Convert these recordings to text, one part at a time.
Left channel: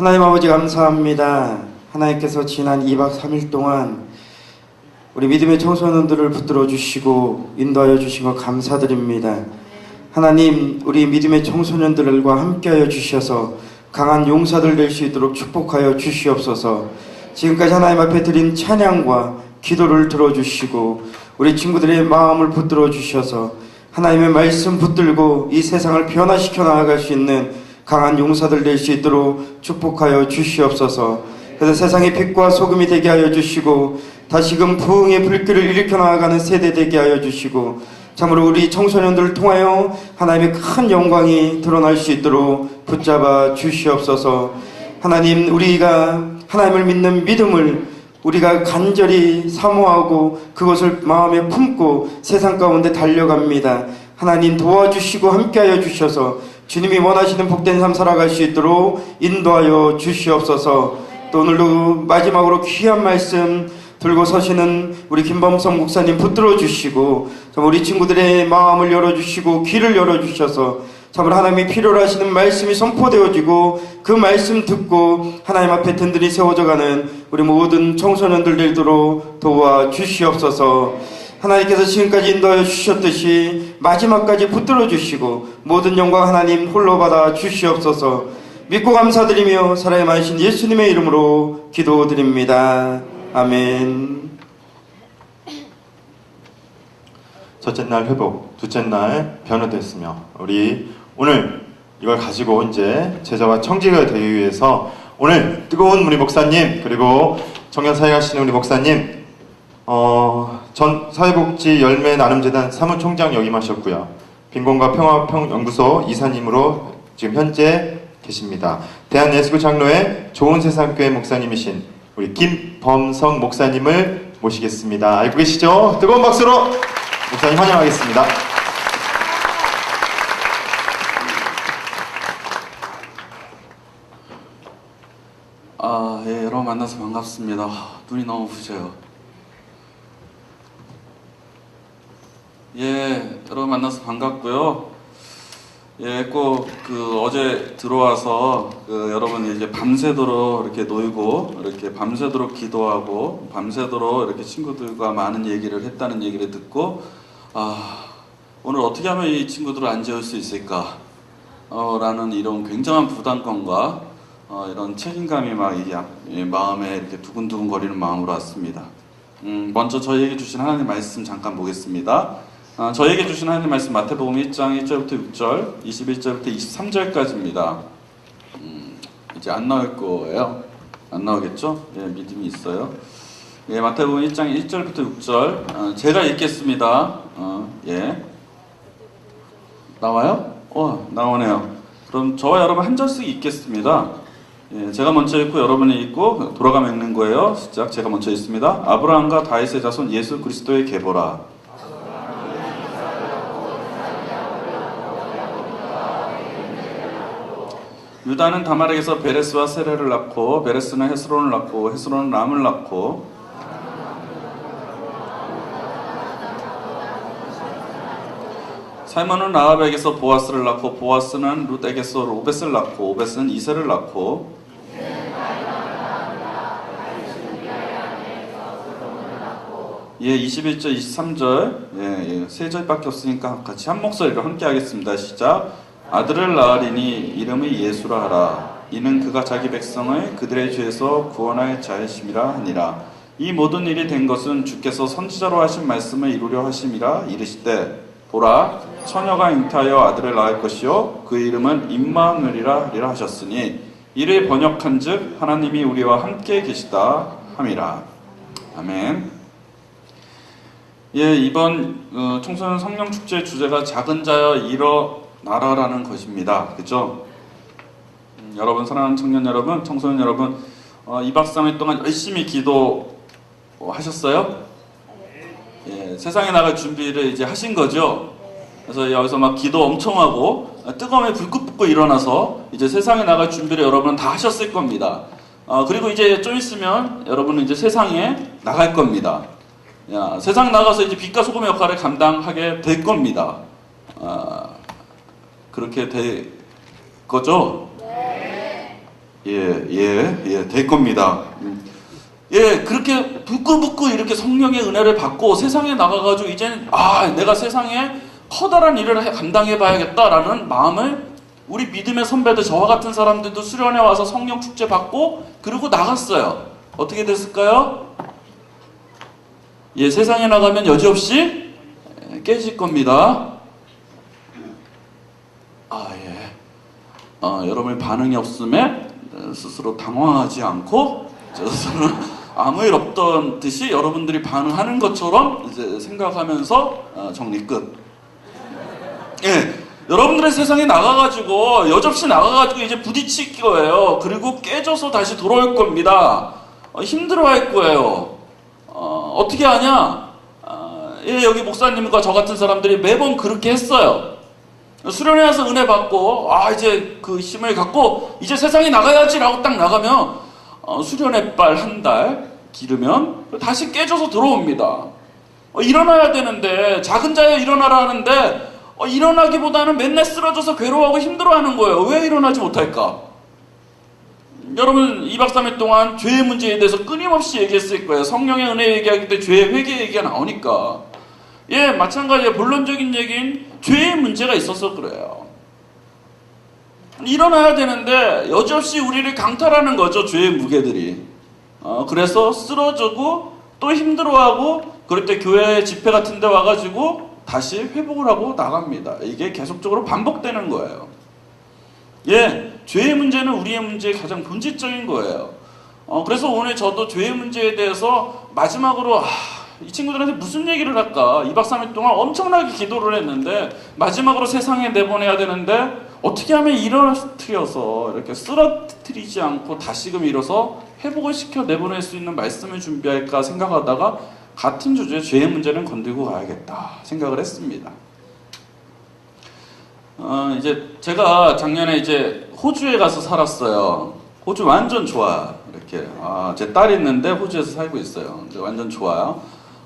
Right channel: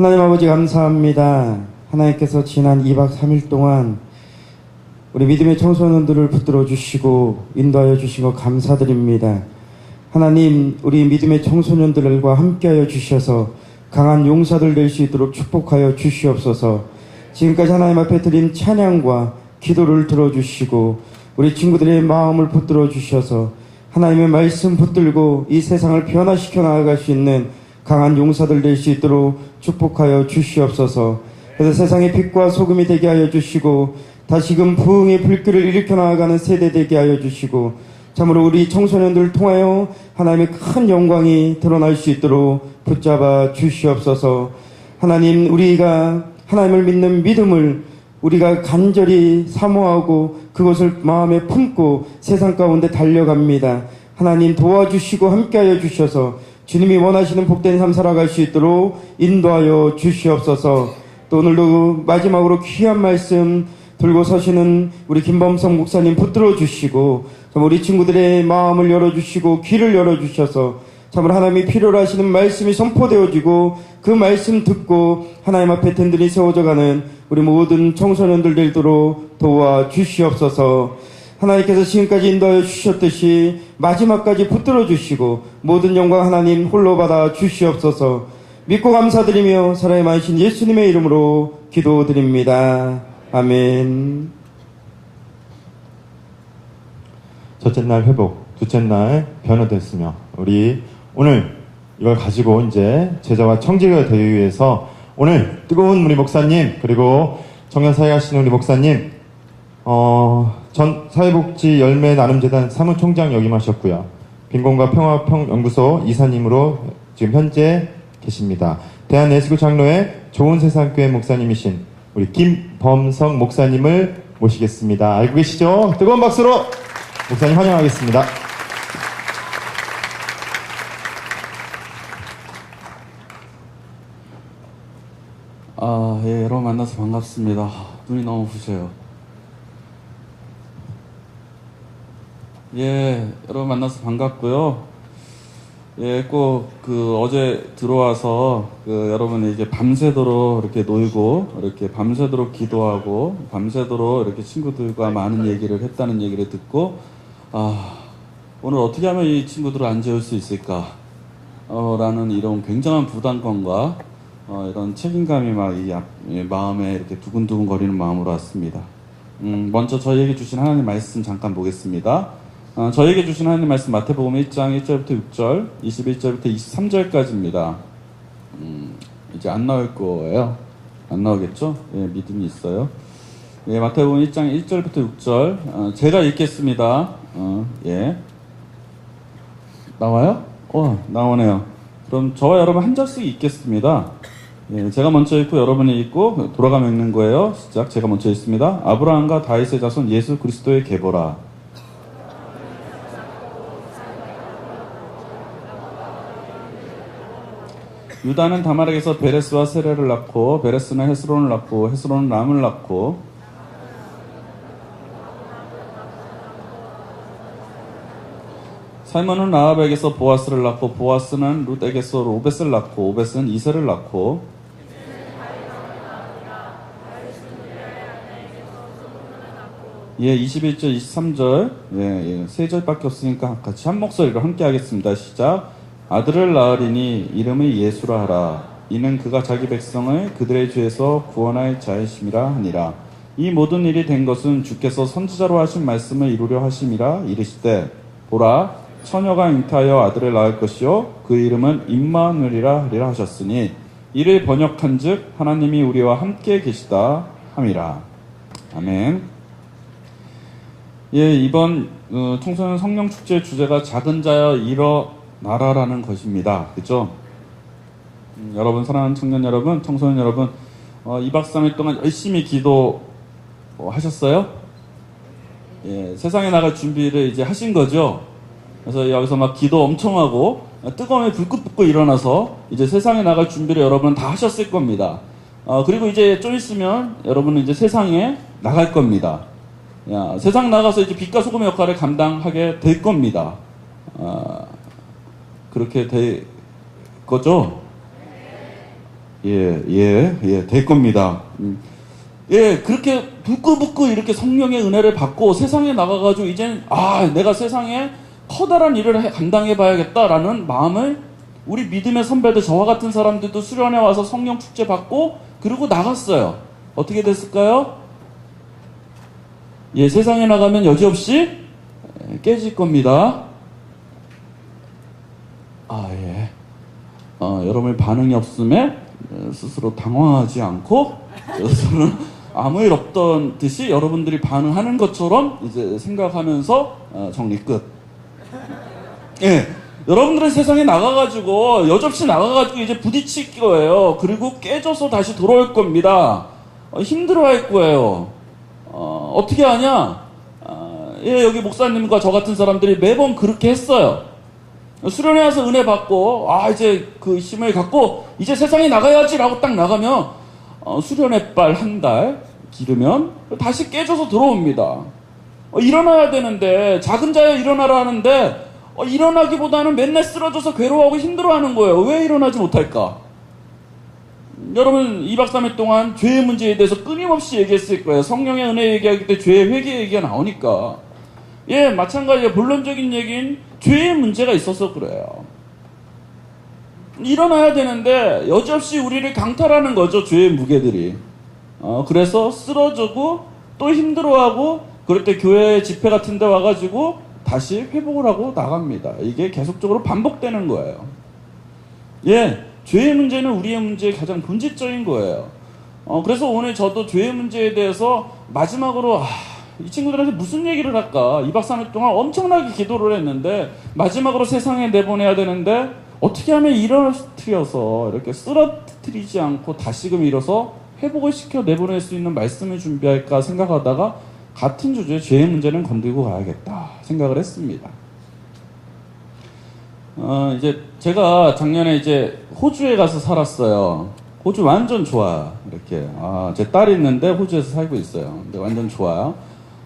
하나님 아버지 감사합니다. 하나님께서 지난 2박 3일 동안 우리 믿음의 청소년들을 붙들어 주시고 인도하여 주신 것 감사드립니다. 하나님, 우리 믿음의 청소년들과 함께하여 주셔서 강한 용사들 될 수 있도록 축복하여 주시옵소서. 지금까지 하나님 앞에 드린 찬양과 기도를 들어주시고 우리 친구들의 마음을 붙들어 주셔서 하나님의 말씀 붙들고 이 세상을 변화시켜 나아갈 수 있는 강한 용사들 될 수 있도록 축복하여 주시옵소서. 그래서 세상의 빛과 소금이 되게 하여 주시고 다시금 부흥의 불길을 일으켜 나아가는 세대 되게 하여 주시고 참으로 우리 청소년들을 통하여 하나님의 큰 영광이 드러날 수 있도록 붙잡아 주시옵소서. 하나님, 우리가 하나님을 믿는 믿음을 우리가 간절히 사모하고 그것을 마음에 품고 세상 가운데 달려갑니다. 하나님 도와주시고 함께하여 주셔서 주님이 원하시는 복된 삶 살아갈 수 있도록 인도하여 주시옵소서. 또 오늘도 마지막으로 귀한 말씀 들고 서시는 우리 김범성 목사님 붙들어 주시고 우리 친구들의 마음을 열어주시고 귀를 열어주셔서 참으로 하나님이 필요로 하시는 말씀이 선포되어지고 그 말씀 듣고 하나님 앞에 든든히 세워져가는 우리 모든 청소년들 되도록 도와주시옵소서. 하나님께서 지금까지 인도하여 주셨듯이 마지막까지 붙들어 주시고 모든 영광 하나님 홀로 받아 주시옵소서. 믿고 감사드리며 사랑에 많으신 예수님의 이름으로 기도드립니다. 아멘. 첫째 날 회복, 둘째 날 변화됐으며 우리 오늘 이걸 가지고 이제 제자와 청지가 되기 위해서 오늘 뜨거운 우리 목사님 그리고 청년 사회 하시는 우리 목사님 전 사회복지 열매 나눔재단 사무총장 역임하셨고요. 빈곤과 평화연구소 이사님으로 지금 현재 계십니다. 대한예수교 장로회 좋은 세상교회 목사님이신 우리 김범성 목사님을 모시겠습니다. 알고 계시죠? 뜨거운 박수로 목사님 환영하겠습니다. 예, 여러분 만나서 반갑습니다. 눈이 너무 부셔요. 예, 여러분 만나서 반갑고요. 예, 꼭 어제 들어와서 여러분이 이제 밤새도록 이렇게 놀고 이렇게 밤새도록 기도하고 밤새도록 이렇게 친구들과 많은 얘기를 했다는 얘기를 듣고 오늘 어떻게 하면 이 친구들을 안 재울 수 있을까 라는 이런 굉장한 부담감과 이런 책임감이 막 마음에 이렇게 두근두근 거리는 마음으로 왔습니다. 먼저 저희에게 주신 하나님 말씀 잠깐 보겠습니다. 저에게 주신 하나님 말씀 마태복음 1장 1절부터 6절, 21절부터 23절까지입니다. 이제 안 나올 거예요. 안 나오겠죠? 예, 믿음이 있어요. 예, 마태복음 1장 1절부터 6절, 제가 읽겠습니다. 예. 나와요? 나오네요. 그럼 저와 여러분 한 절씩 읽겠습니다. 예, 제가 먼저 읽고 여러분이 읽고 돌아가며 읽는 거예요. 시작. 제가 먼저 읽습니다. 아브라함과 다윗의 자손 예수 그리스도의 계보라. 유다는 다말에게서 베레스와 세레를 낳고 베레스는 헤스론을 낳고 헤스론은 람을 낳고 살몬은 라합에게서 보아스를 낳고 보아스는 룻에게서 오벳을 낳고 오벳은 이세를 낳고 예, 21절 23절 예, 세 절밖에 없으니까 같이 한 목소리로 함께 하겠습니다. 시작. 아들을 낳으리니 이름을 예수라 하라. 이는 그가 자기 백성을 그들의 죄에서 구원할 자이심이라 하니라. 이 모든 일이 된 것은 주께서 선지자로 하신 말씀을 이루려 하심이라. 이르시되 보라 처녀가 잉태하여 아들을 낳을 것이요 그 이름은 임마누엘이라 하리라 하셨으니 이를 번역한즉 하나님이 우리와 함께 계시다 함이라. 아멘. 예, 이번 청소년 성령축제의 주제가 작은 자여 일어나라라는 것입니다. 그죠? 여러분, 사랑하는 청년 여러분, 청소년 여러분, 2박 3일 동안 열심히 기도하셨어요? 예, 세상에 나갈 준비를 이제 하신 거죠? 그래서 여기서 막 기도 엄청 하고, 뜨거움에 불꽃 붙고 일어나서 이제 세상에 나갈 준비를 여러분 다 하셨을 겁니다. 그리고 이제 좀 있으면 여러분은 이제 세상에 나갈 겁니다. 세상 나가서 이제 빛과 소금의 역할을 감당하게 될 겁니다. 그렇게 될 거죠? 될 겁니다. 예, 그렇게 부끄부끄 이렇게 성령의 은혜를 받고 세상에 나가가지고 이제는 내가 세상에 커다란 일을 감당해 봐야겠다라는 마음을 우리 믿음의 선배들, 저와 같은 사람들도 수련회 와서 성령 축제 받고 그러고 나갔어요. 어떻게 됐을까요? 예, 세상에 나가면 여지없이 깨질 겁니다. 여러분의 반응이 없음에 스스로 당황하지 않고 저는 아무 일 없던 듯이 여러분들이 반응하는 것처럼 이제 생각하면서 정리 끝. 예, 여러분들의 세상에 나가가지고 여지없이 나가가지고 이제 부딪힐 거예요. 그리고 깨져서 다시 돌아올 겁니다. 힘들어할 거예요. 어떻게 하냐? 여기 목사님과 저 같은 사람들이 매번 그렇게 했어요. 수련회 와서 은혜 받고 이제 그 힘을 갖고 이제 세상에 나가야지라고 딱 나가면 수련회 빨 한 달 기르면 다시 깨져서 들어옵니다. 일어나야 되는데 작은 자여 일어나라 하는데 일어나기보다는 맨날 쓰러져서 괴로워하고 힘들어하는 거예요. 왜 일어나지 못할까? 여러분 2박 3일 동안 죄의 문제에 대해서 끊임없이 얘기했을 거예요. 성령의 은혜 얘기하기 때 죄의 회개 얘기가 나오니까. 예, 마찬가지로 본론적인 얘기는 죄의 문제가 있어서 그래요. 일어나야 되는데 여지없이 우리를 강탈하는 거죠. 죄의 무게들이. 그래서 쓰러지고 또 힘들어하고 그럴 때 교회 집회 같은 데 와가지고 다시 회복을 하고 나갑니다. 이게 계속적으로 반복되는 거예요. 예, 죄의 문제는 우리의 문제의 가장 본질적인 거예요. 그래서 오늘 저도 죄의 문제에 대해서 마지막으로 이 친구들한테 무슨 얘기를 할까? 2박 3일 동안 엄청나게 기도를 했는데 마지막으로 세상에 내보내야 되는데 어떻게 하면 일어나서 이렇게 쓰러뜨리지 않고 다시금 일어서 회복을 시켜 내보낼 수 있는 말씀을 준비할까 생각하다가 같은 주제의 죄의 문제는 건들고 가야겠다 생각을 했습니다. 이제 제가 작년에 이제 호주에 가서 살았어요. 호주 완전 좋아요. 이렇게 제 딸이 있는데 호주에서 살고 있어요. 근데 완전 좋아요.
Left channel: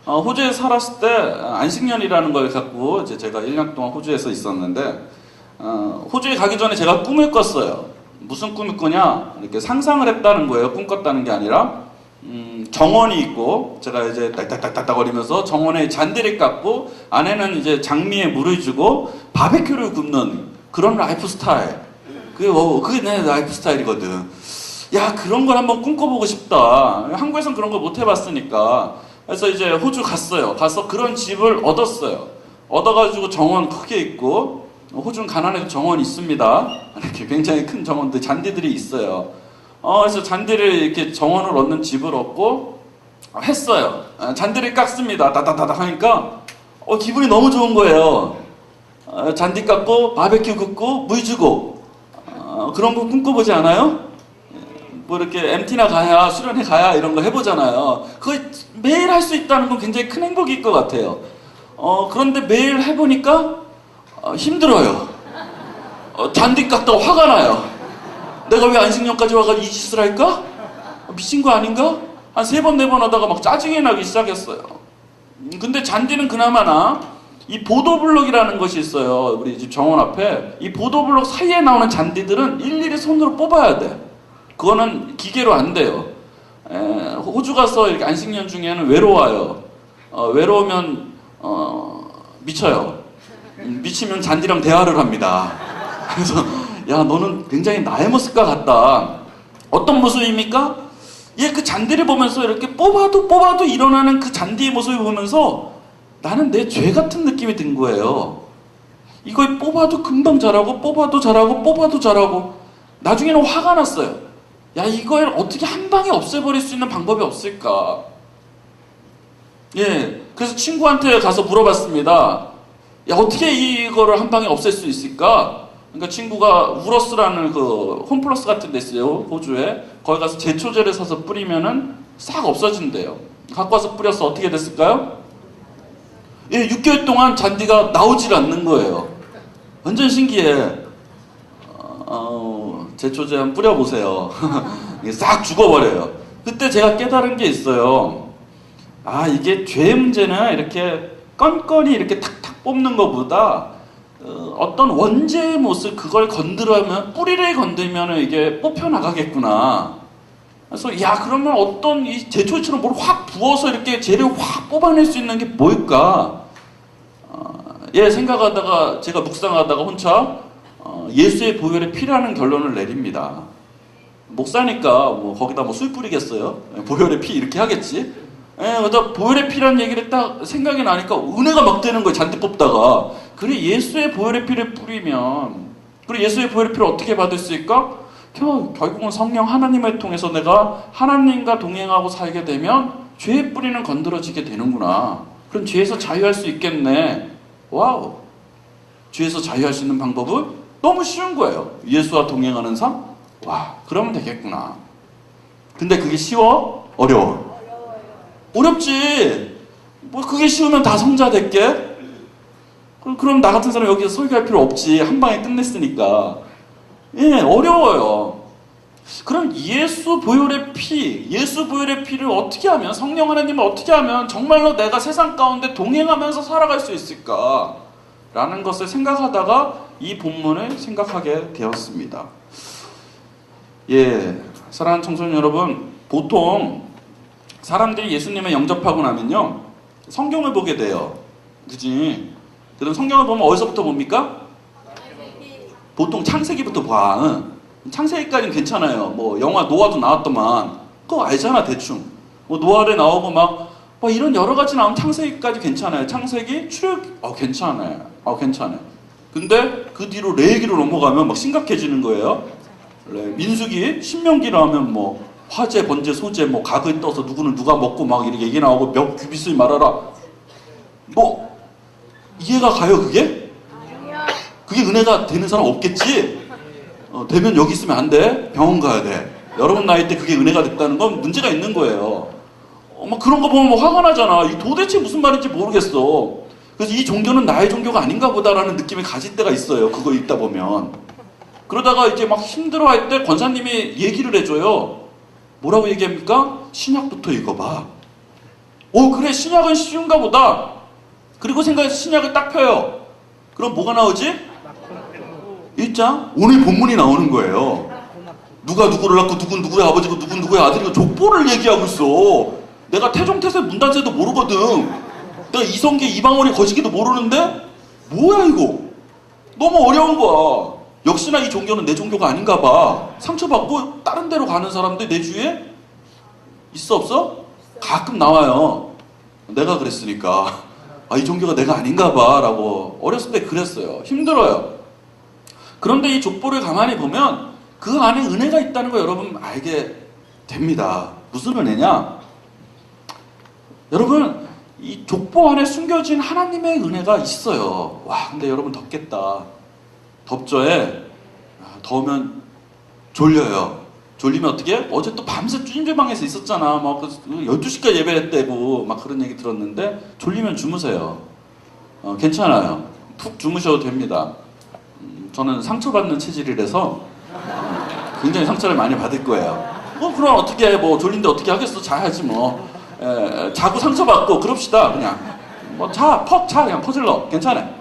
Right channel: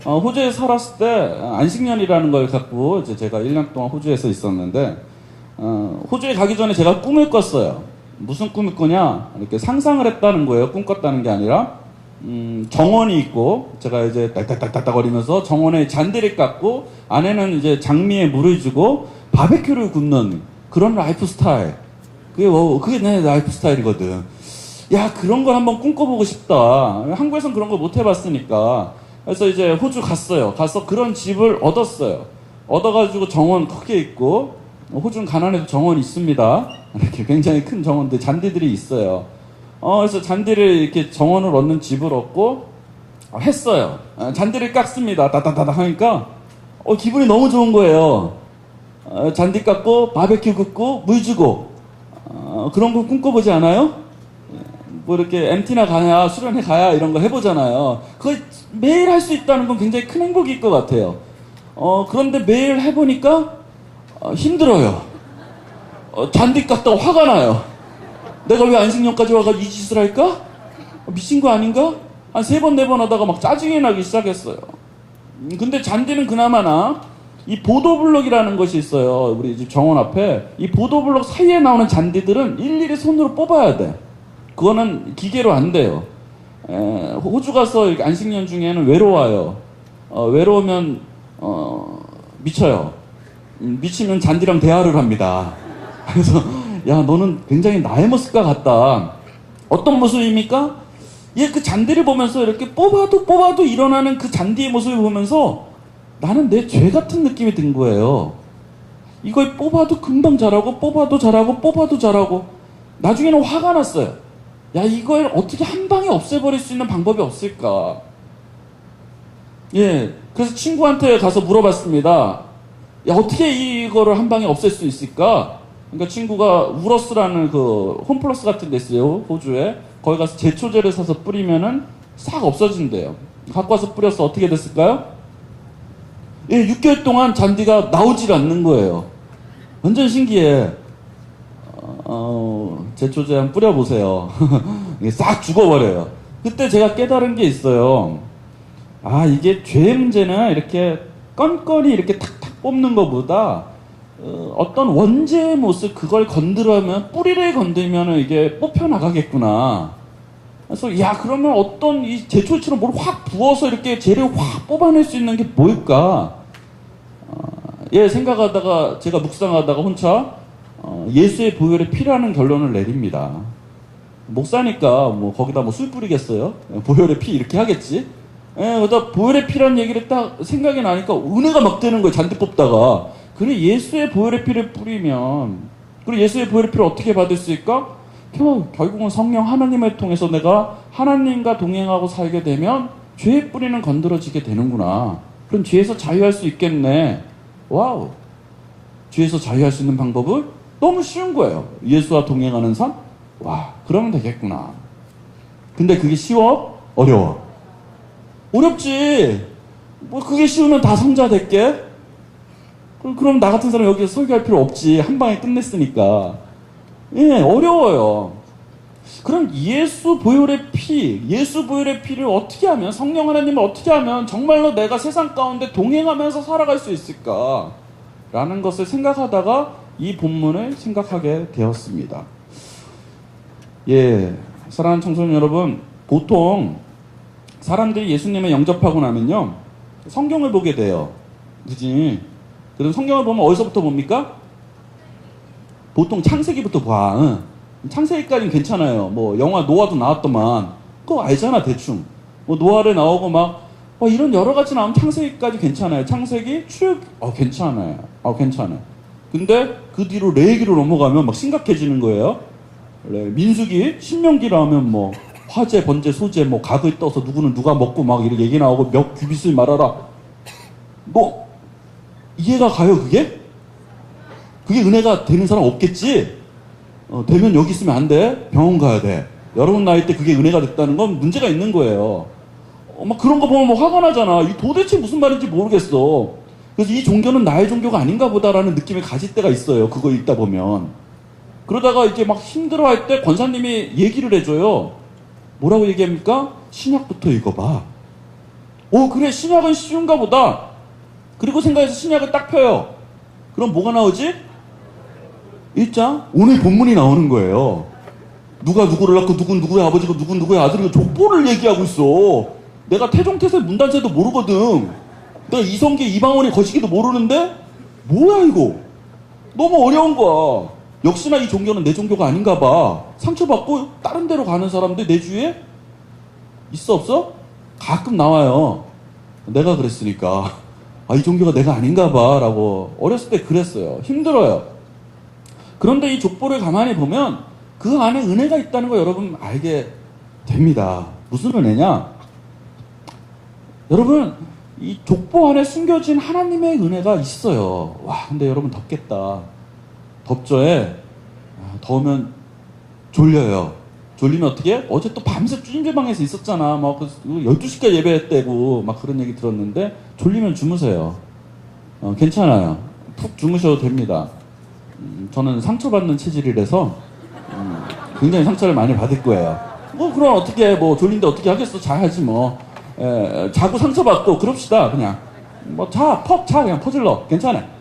호주에 살았을 때 안식년이라는 걸 갖고 이제 제가 1년 동안 호주에서 있었는데 호주에 가기 전에 제가 꿈을 꿨어요. 무슨 꿈을 꾸냐? 이렇게 상상을 했다는 거예요. 꿈 꿨다는 게 아니라 정원이 있고 제가 이제 딱딱딱딱 거리면서 정원에 잔디를 깎고 안에는 이제 장미에 물을 주고 바베큐를 굽는 그런 라이프 스타일. 그게 내 라이프 스타일이거든. 야, 그런 걸 한번 꿈꿔보고 싶다. 한국에선 그런 거 못 해봤으니까. 그래서 이제 호주 갔어요. 가서 그런 집을 얻었어요. 얻어가지고 정원 크게 있고, 호주는 가난해도 정원이 있습니다. 이렇게 굉장히 큰 정원들, 잔디들이 있어요. 그래서 잔디를 이렇게 정원을 얻는 집을 얻고, 했어요. 잔디를 깎습니다. 다다다다 하니까, 기분이 너무 좋은 거예요. 잔디 깎고, 바베큐 굽고, 물 주고, 그런 거 꿈꿔보지 않아요? 뭐 이렇게 MT나 가야, 수련회 가야 이런 거 해보잖아요. 그거 매일 할 수 있다는 건 굉장히 큰 행복일 것 같아요. 그런데 매일 해보니까 힘들어요. 잔디 깎다가 화가 나요. 내가 왜 안식년까지 와가지고 이 짓을 할까? 미친 거 아닌가? 한 3번, 4번 하다가 막 짜증이 나기 시작했어요. 근데 잔디는 그나마나 이 보도블럭이라는 것이 있어요. 우리 집 정원 앞에. 이 보도블럭 사이에 나오는 잔디들은 일일이 손으로 뽑아야 돼. 그거는 기계로 안 돼요. 호주 가서 이렇게 안식년 중에는 외로워요. 외로우면 미쳐요. 미치면 잔디랑 대화를 합니다. 그래서 야, 너는 굉장히 나의 모습과 같다. 어떤 모습입니까? 그 잔디를 보면서 이렇게 뽑아도 일어나는 그 잔디의 모습을 보면서 나는 내 죄 같은 느낌이 든 거예요. 이걸 뽑아도 금방 자라고 뽑아도 자라고 뽑아도 자라고 나중에는 화가 났어요. 야, 이걸 어떻게 한 방에 없애버릴 수 있는 방법이 없을까? 그래서 친구한테 가서 물어봤습니다. 야, 어떻게 이거를 한 방에 없앨 수 있을까? 그러니까 친구가 우러스라는 그 홈플러스 같은 데 있어요, 호주에. 거기 가서 제초제를 사서 뿌리면은 싹 없어진대요. 갖고 와서 뿌려서 어떻게 됐을까요? 6개월 동안 잔디가 나오질 않는 거예요. 완전 신기해. 제초제 한번 뿌려보세요. 이게 싹 죽어버려요. 그때 제가 깨달은 게 있어요. 이게 죄의 문제는 이렇게 건건이 이렇게 탁탁 뽑는 것보다 어떤 원재의 모습 그걸 건드려면 뿌리를 건들면 이게 뽑혀 나가겠구나. 그래서 야 그러면 어떤 이 제초처럼 뭘 확 부어서 이렇게 재를 확 뽑아낼 수 있는 게 뭘까? 생각하다가 제가 묵상하다가 혼자 예수의 보혈의 피라는 결론을 내립니다. 목사니까 뭐 거기다 뭐 술 뿌리겠어요? 보혈의 피 이렇게 하겠지? 그러다 보혈의 피라는 얘기를 딱 생각이 나니까 은혜가 막 되는 거예요. 잔디 뽑다가. 그래 예수의 보혈의 피를 뿌리면 그리고 예수의 보혈의 피를 어떻게 받을 수 있을까? 결국은 성령 하나님을 통해서 내가 하나님과 동행하고 살게 되면 죄의 뿌리는 건드려지게 되는구나. 그럼 죄에서 자유할 수 있겠네. 와우. 죄에서 자유할 수 있는 방법은 너무 쉬운 거예요. 예수와 동행하는 삶? 와, 그러면 되겠구나. 근데 그게 쉬워? 어려워? 어렵지. 뭐 그게 쉬우면 다 성자 될게? 그럼 나 같은 사람 여기서 설교할 필요 없지. 한 방에 끝냈으니까. 어려워요. 그럼 예수 보혈의 피를 어떻게 하면, 성령 하나님을 어떻게 하면 정말로 내가 세상 가운데 동행하면서 살아갈 수 있을까? 라는 것을 생각하다가 이 본문을 생각하게 되었습니다. 사랑하는 청소년 여러분, 보통 사람들이 예수님을 영접하고 나면요, 성경을 보게 돼요. 그지? 그럼 성경을 보면 어디서부터 봅니까? 보통 창세기부터 봐. 창세기까지는 괜찮아요. 뭐 영화 노아도 나왔더만 그거 알잖아 대충. 뭐 노아를 나오고 막 이런 여러 가지 나오면 창세기까지 괜찮아요. 창세기 출애굽 괜찮아요. 괜찮아요. 근데 그 뒤로 레위기로 넘어가면 막 심각해지는 거예요. 민수기, 신명기 나오면 뭐 화재, 번제, 소재, 뭐 각을 떠서 누구는 누가 먹고 막 이렇게 얘기 나오고 몇 규빗을 말하라. 뭐 이해가 가요 그게? 그게 은혜가 되는 사람 없겠지? 되면 여기 있으면 안 돼. 병원 가야 돼. 여러분 나이 때 그게 은혜가 됐다는 건 문제가 있는 거예요. 막 그런 거 보면 뭐 화가 나잖아. 이 도대체 무슨 말인지 모르겠어. 그래서 이 종교는 나의 종교가 아닌가 보다라는 느낌을 가질 때가 있어요. 그거 읽다 보면. 그러다가 이제 막 힘들어할 때 권사님이 얘기를 해줘요. 뭐라고 얘기합니까? 신약부터 읽어봐. 그래 신약은 쉬운가 보다. 그리고 생각해서 신약을 딱 펴요. 그럼 뭐가 나오지? 1장? 오늘 본문이 나오는 거예요. 누가 누구를 낳고 누군 누구의 아버지고 누군 누구의 아들이고 족보를 얘기하고 있어. 내가 태종태세 문단세도 모르거든. 내가 이성계 이방원이 거시기도 모르는데 뭐야 이거? 너무 어려운 거야. 역시나 이 종교는 내 종교가 아닌가 봐. 상처받고 다른 데로 가는 사람들 내 주위에 있어 없어? 가끔 나와요. 내가 그랬으니까 이 종교가 내가 아닌가 봐 라고 어렸을 때 그랬어요. 힘들어요. 그런데 이 족보를 가만히 보면 그 안에 은혜가 있다는 거 여러분 알게 됩니다. 무슨 은혜냐? 여러분 이 족보 안에 숨겨진 하나님의 은혜가 있어요. 와 근데 여러분 덥겠다. 덥죠? 더우면 졸려요. 졸리면 어떻게? 어제 또 밤새 찜질방에서 있었잖아. 막 12시까지 예배했대고 막 그런 얘기 들었는데 졸리면 주무세요. 괜찮아요. 푹 주무셔도 됩니다. 저는 상처받는 체질이라서 굉장히 상처를 많이 받을 거예요. 그럼 어떻게 해? 뭐 졸린데 어떻게 하겠어? 자야지 뭐. 자고 상처받고 그럽시다 그냥. 그냥 퍼질러. 괜찮아.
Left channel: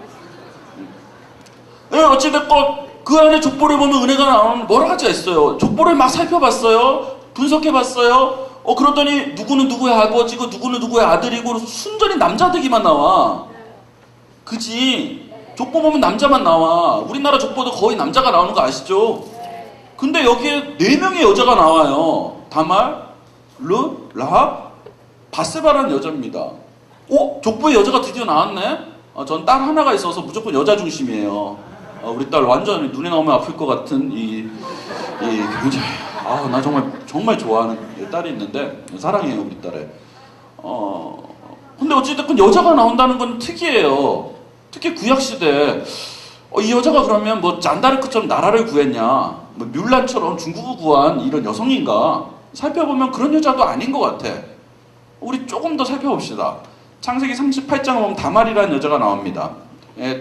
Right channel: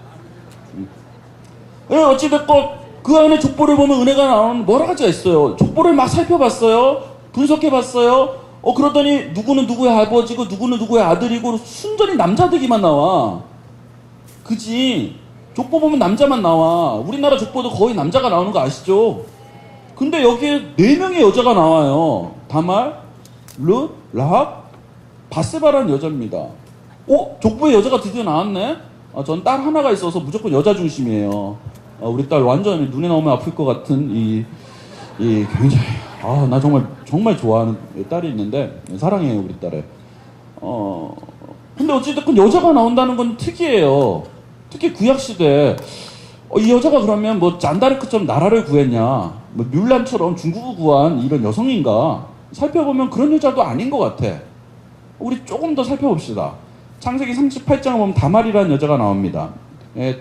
어찌됐건 그 안에 족보를 보면 은혜가 나오는 여러 가지가 있어요. 족보를 막 살펴봤어요. 분석해봤어요. 그러더니 누구는 누구의 아버지고 누구는 누구의 아들이고 순전히 남자들기만 나와. 그지? 족보 보면 남자만 나와. 우리나라 족보도 거의 남자가 나오는 거 아시죠? 근데 여기에 4명의 여자가 나와요. 다말, 르, 라합, 바세바라는 여자입니다. 족보에 여자가 드디어 나왔네? 전 딸 하나가 있어서 무조건 여자 중심이에요. 우리 딸 완전히 눈에 나오면 아플 것 같은 굉장히 나 정말 좋아하는 딸이 있는데 사랑해요 우리 딸을. 근데 어찌됐건 여자가 나온다는 건 특이해요. 특히 구약시대 이 여자가 그러면 뭐 잔다르크처럼 나라를 구했냐, 뭐 뮬란처럼 중국을 구한 이런 여성인가 살펴보면 그런 여자도 아닌 것 같아. 우리 조금 더 살펴봅시다. 창세기 38장 보면 다말이라는 여자가 나옵니다.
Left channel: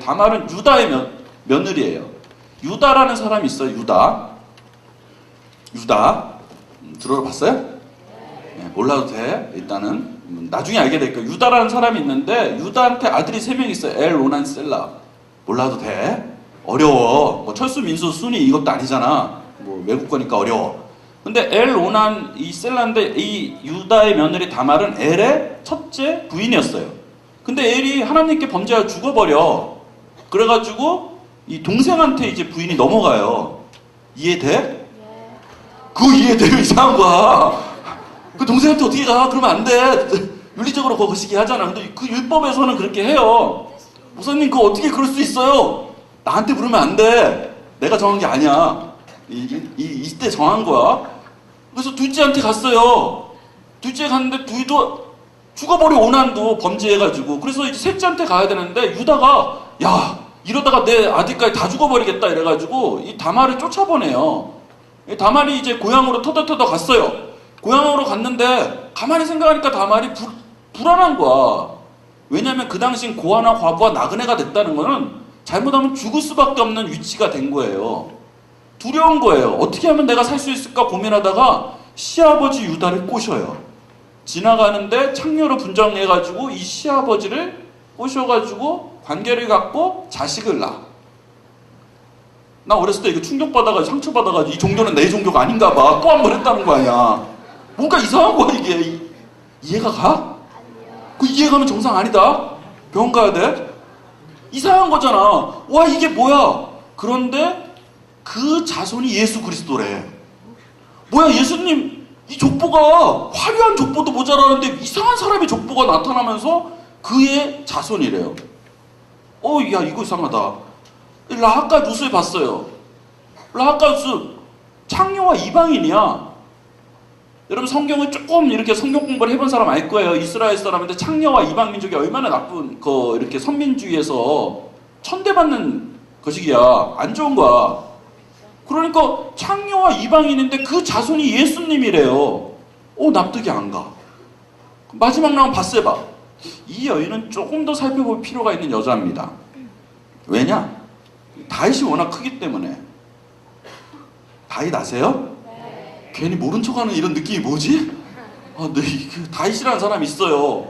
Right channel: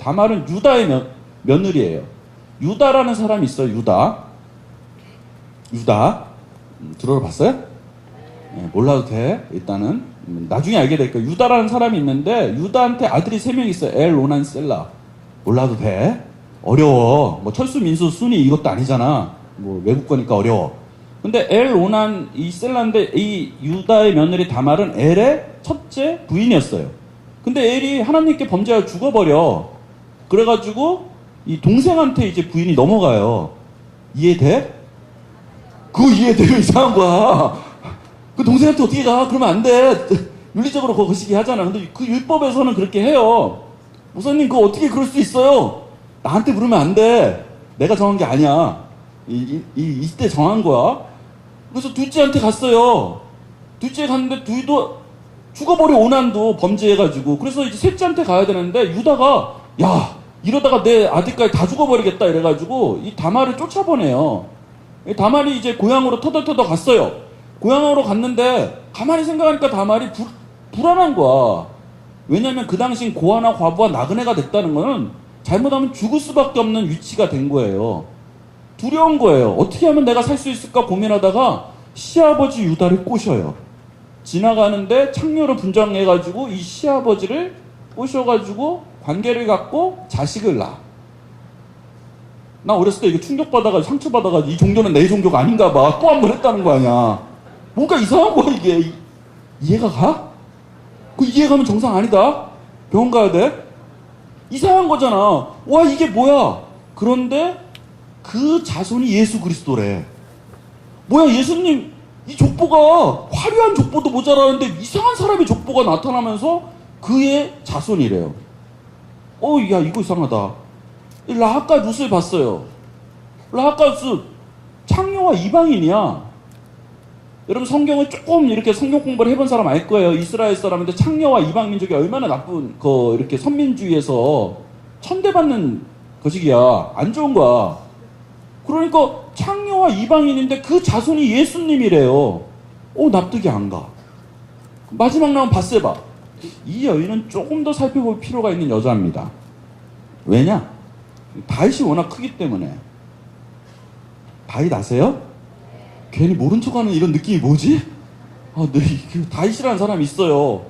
다말은 유다의 며느리예요. 유다라는 사람이 있어요. 유다 들어봤어요? 몰라도 돼. 일단은 나중에 알게 될 거예요. 유다라는 사람이 있는데 유다한테 아들이 3명 있어요. 엘, 로난, 셀라. 몰라도 돼? 어려워. 뭐 철수, 민수, 순이 이것도 아니잖아. 뭐 외국 거니까 어려워. 근데 엘, 오난, 이 셀라인데 이 유다의 며느리 다말은 엘의 첫째 부인이었어요. 근데 엘이 하나님께 범죄하여 죽어버려. 그래가지고 이 동생한테 이제 부인이 넘어가요. 이해돼? 그거 이해돼요? 이상한 거야. 그 동생한테 어떻게 가? 그러면 안 돼. 윤리적으로 그거 거시기 하잖아. 근데 그 율법에서는 그렇게 해요. 목사님 그거 어떻게 그럴 수 있어요? 나한테 부르면 안 돼. 내가 정한 게 아니야. 이때 정한 거야. 그래서 둘째한테 갔어요. 둘째 갔는데 둘도 죽어버려. 오난도 범죄해가지고. 그래서 이제 셋째한테 가야 되는데 유다가 야 이러다가 내 아들까지 다 죽어버리겠다 이래가지고 이 다말을 쫓아보내요. 이 다말이 이제 고향으로 터덜터덜 갔어요. 고향으로 갔는데 가만히 생각하니까 다말이 불안한 거야. 왜냐면 그 당시 고아나 과부가 나그네가 됐다는 거는 잘못하면 죽을 수밖에 없는 위치가 된 거예요. 두려운 거예요. 어떻게 하면 내가 살 수 있을까 고민하다가 시아버지 유다를 꼬셔요. 지나가는데 창녀로 분장해가지고 이 시아버지를 꼬셔가지고 관계를 갖고 자식을 낳아. 나 어렸을 때 이거 충격받아가지고 상처받아가지고 이 종교는 내 종교가 아닌가 봐. 또 한 번 했다는 거 아니야. 뭔가 이상한 거야 이게. 이해가 가? 그 이해가면 정상 아니다. 병원 가야 돼? 이상한 거잖아. 와 이게 뭐야? 그런데 그 자손이 예수 그리스도래. 뭐야 예수님 이 족보가 화려한 족보도 모자라는데 이상한 사람의 족보가 나타나면서 그의 자손이래요. 야 이거 이상하다. 라하가 룻을 봤어요. 라하가 룻 창녀와 이방인이야. 여러분 성경을 조금 이렇게 성경 공부를 해본 사람 알 거예요. 이스라엘 사람인데 창녀와 이방민족이 얼마나 나쁜 이렇게 선민주의에서 천대받는 것이기야. 안 좋은 거야. 그러니까 창녀와 이방인인데 그 자손이 예수님이래요. 납득이 안 가. 마지막 나온 바세바. 이 여인은 조금 더 살펴볼 필요가 있는 여자입니다. 왜냐? 다윗이 워낙 크기 때문에. 다윗 아세요? 괜히 모른 척하는 이런 느낌이 뭐지? 다윗이라는 사람이 있어요.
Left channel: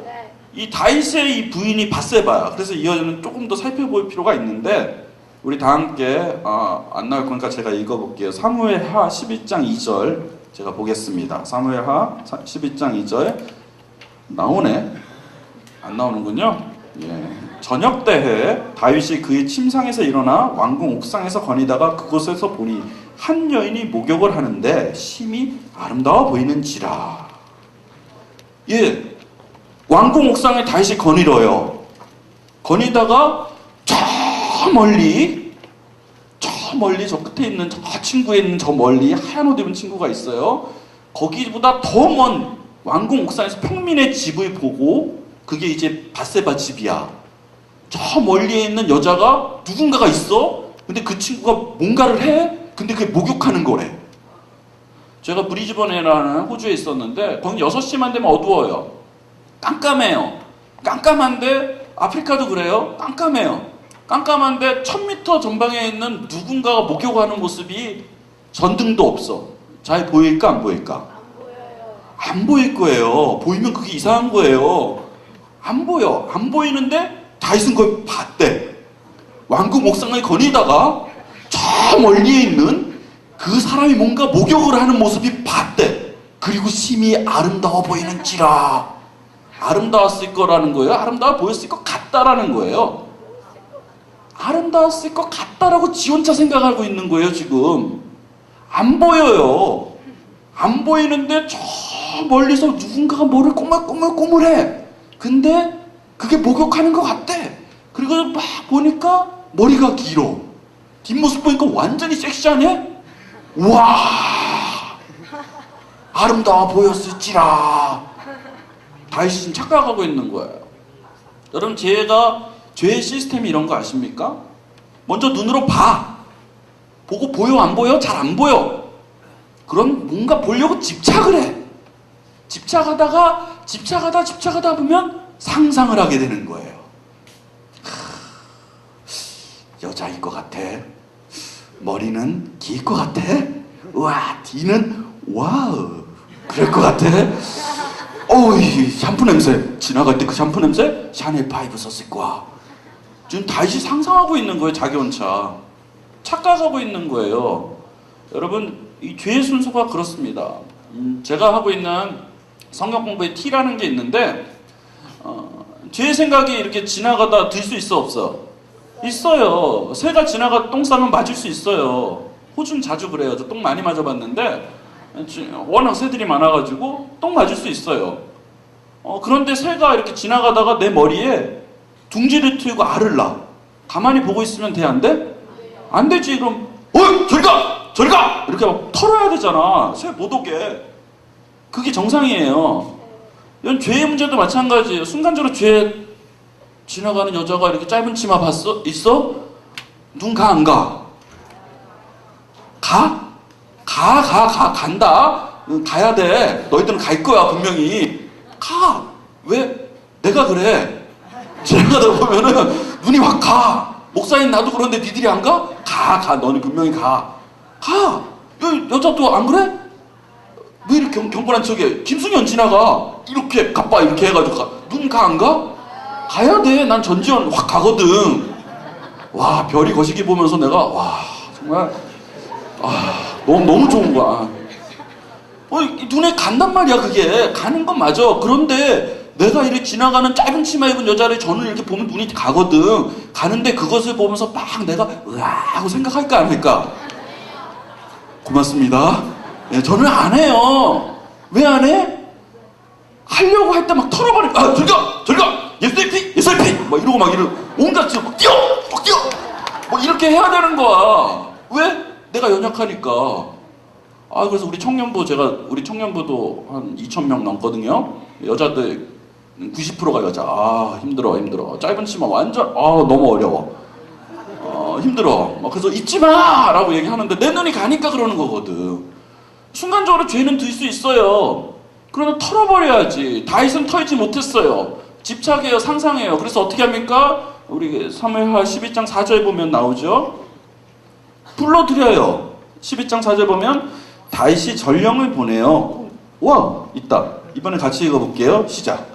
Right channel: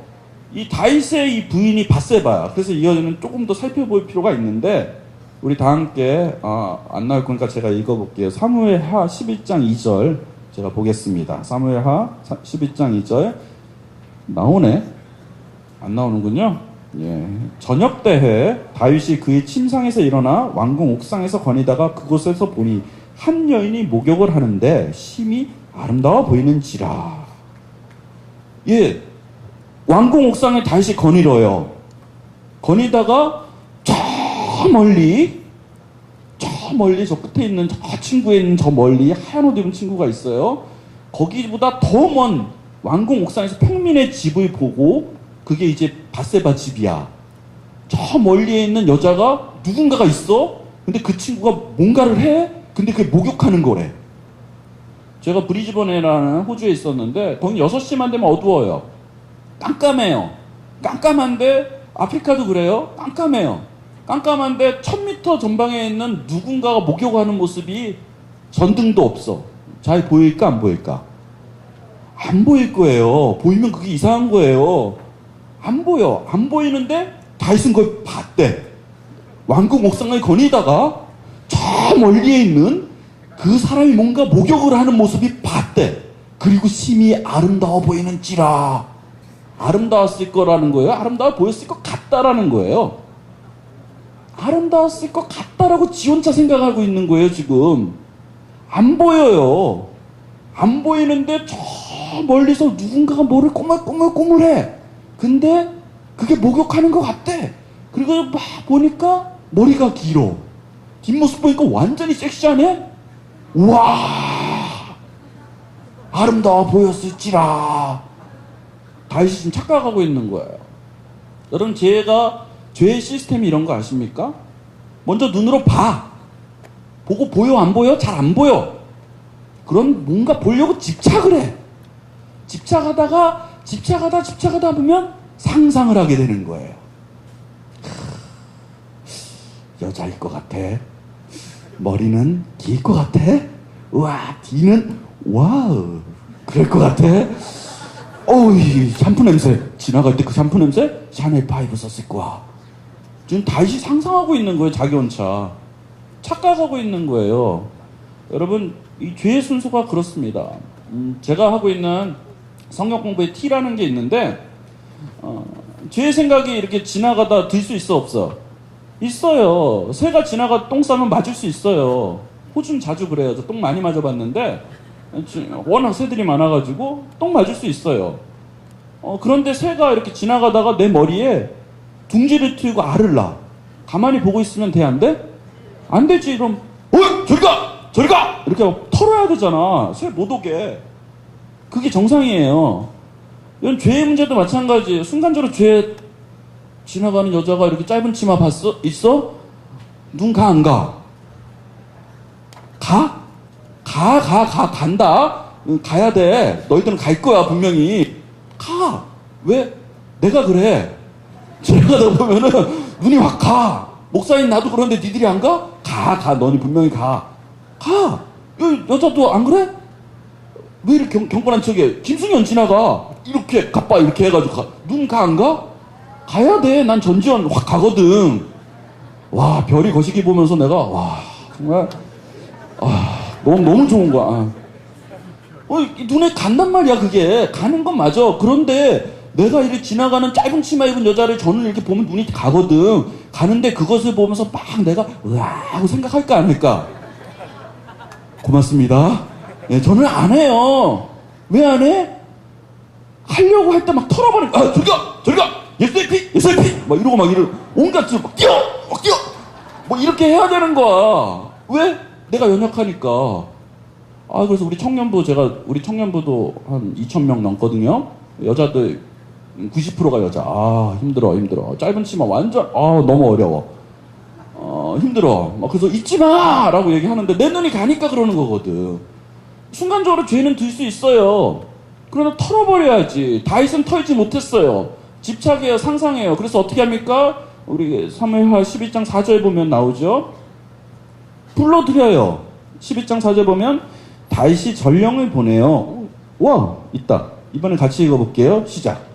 이 다윗의 이 부인이 바세바야. 그래서 이 여자는 조금 더 살펴볼 필요가 있는데 우리 다 함께 안 나올 거니까 제가 읽어볼게요. 사무엘하 11장 2절 제가 보겠습니다. 사무엘하 11장 2절 나오네? 안 나오는군요. 예. 저녁 때에 다윗이 그의 침상에서 일어나 왕궁 옥상에서 거니다가 그곳에서 보니 한 여인이 목욕을 하는데 심히 아름다워 보이는지라. 예, 왕궁 옥상에 다윗이 거닐어요. 거니다가 저 멀리 저 끝에 있는 저 친구에 있는 저 멀리 하얀 옷 입은 친구가 있어요. 거기보다 더 먼 왕궁 옥상에서 평민의 집을 보고 그게 이제 바세바 집이야. 저 멀리에 있는 여자가 누군가가 있어. 근데 그 친구가 뭔가를 해. 근데 그게 목욕하는 거래. 제가 브리즈번이라는 호주에 있었는데 거기 6시만 되면 어두워요. 깜깜해요. 깜깜한데 아프리카도 그래요. 깜깜해요. 깜깜한데 1000m 전방에 있는 누군가가 목욕하는 모습이 전등도 없어. 잘 보일까 안 보일까? 안 보일 거예요. 보이면 그게 이상한 거예요. 안 보여. 안 보이는데 다윗은 그걸 봤대. 왕궁 옥상을 거니다가 저 멀리에 있는 그 사람이 뭔가 목욕을 하는 모습이 봤대. 그리고 심히 아름다워 보이는지라. 아름다웠을 거라는 거예요? 아름다워 보였을 것 같다라는 거예요? 아름다웠을 것 같다라고 지 혼자 생각하고 있는 거예요 지금. 안 보여요. 안 보이는데 저 멀리서 누군가가 뭐를 꼬물꼬물해. 근데 그게 목욕하는 것 같대. 그리고 막 보니까 머리가 길어. 뒷모습 보니까 완전히 섹시하네? 우와! 아름다워 보였을지라. 다윗이 지금 착각하고 있는 거예요. 여러분, 죄의 시스템이 이런 거 아십니까? 먼저 눈으로 봐. 보고 보여, 안 보여? 잘 안 보여. 그럼 뭔가 보려고 집착을 해. 집착하다 보면 상상을 하게 되는 거예요. 여자일 것 같아. 머리는 길 것 같아. 우와, 뒤는 와우. 그럴 것 같아. 어우, 이 샴푸 냄새. 지나갈 때 그 샴푸 냄새? 샤넬 5 썼을 거야. 지금 다시 상상하고 있는 거예요. 자기 혼자 착각하고 있는 거예요. 여러분, 이 죄의 순서가 그렇습니다. 제가 하고 있는 성경 공부의 T라는 게 있는데, 죄의 생각이 이렇게 지나가다 들 수 있어, 없어? 있어요. 새가 지나가 똥 싸면 맞을 수 있어요. 호주는 자주 그래요. 저 똥 많이 맞아봤는데 워낙 새들이 많아가지고 똥 맞을 수 있어요. 그런데 새가 이렇게 지나가다가 내 머리에 둥지를 트이고 알을 낳아. 가만히 보고 있으면 돼, 안 돼? 안 되지. 그럼 저리 가! 저리 가! 이렇게 막 털어야 되잖아. 새 못 오게. 그게 정상이에요. 이건 죄의 문제도 마찬가지예요. 순간적으로 죄 지나가는 여자가 이렇게 짧은 치마 봤어? 있어? 눈 가, 안 가? 가? 간다? 가야 돼. 너희들은 갈 거야, 분명히. 가! 왜? 내가 그래. 지나가다 보면은 눈이 확 가. 목사님 나도 그런데 니들이 안 가? 가. 너는 분명히 가. 가! 여자도 안 그래? 왜 이렇게 경건한 척해? 김승현 지나가. 이렇게, 가빠 이렇게 해가지고 가. 눈 가, 안 가? 가야 돼. 난 전지현 확 가거든. 와, 별이 거시기 보면서 내가, 와, 정말, 너무 좋은 거야. 눈에 간단 말이야, 그게. 가는 건 맞아. 그런데 내가 이렇게 지나가는 짧은 치마 입은 여자를 저는 이렇게 보면 눈이 가거든. 가는데 그것을 보면서 막 내가, 으아, 하고 생각할까, 안 할까? 고맙습니다. 네, 저는 안 해요. 왜 안 해? 하려고 할 때 막 털어버려. 저리 가! 예수의 피! 막 이러고 막 온갖 지금 막 뛰어! 뭐 이렇게 해야 되는 거야. 왜? 내가 연약하니까. 그래서 우리 청년부도 한 2,000명 넘거든요. 여자들 90%가 여자. 힘들어. 짧은 치마 완전, 너무 어려워. 힘들어. 그래서 잊지 마! 라고 얘기하는데 내 눈이 가니까 그러는 거거든. 순간적으로 죄는 들 수 있어요. 그러나 털어버려야지. 다윗은 털지 못했어요. 집착해요, 상상해요. 그래서 어떻게 합니까? 우리 사무엘하 12장 4절 보면 나오죠. 불러드려요. 12장 4절 보면 다윗이 전령을 보내요. 와, 있다. 이번에 같이 읽어볼게요. 시작.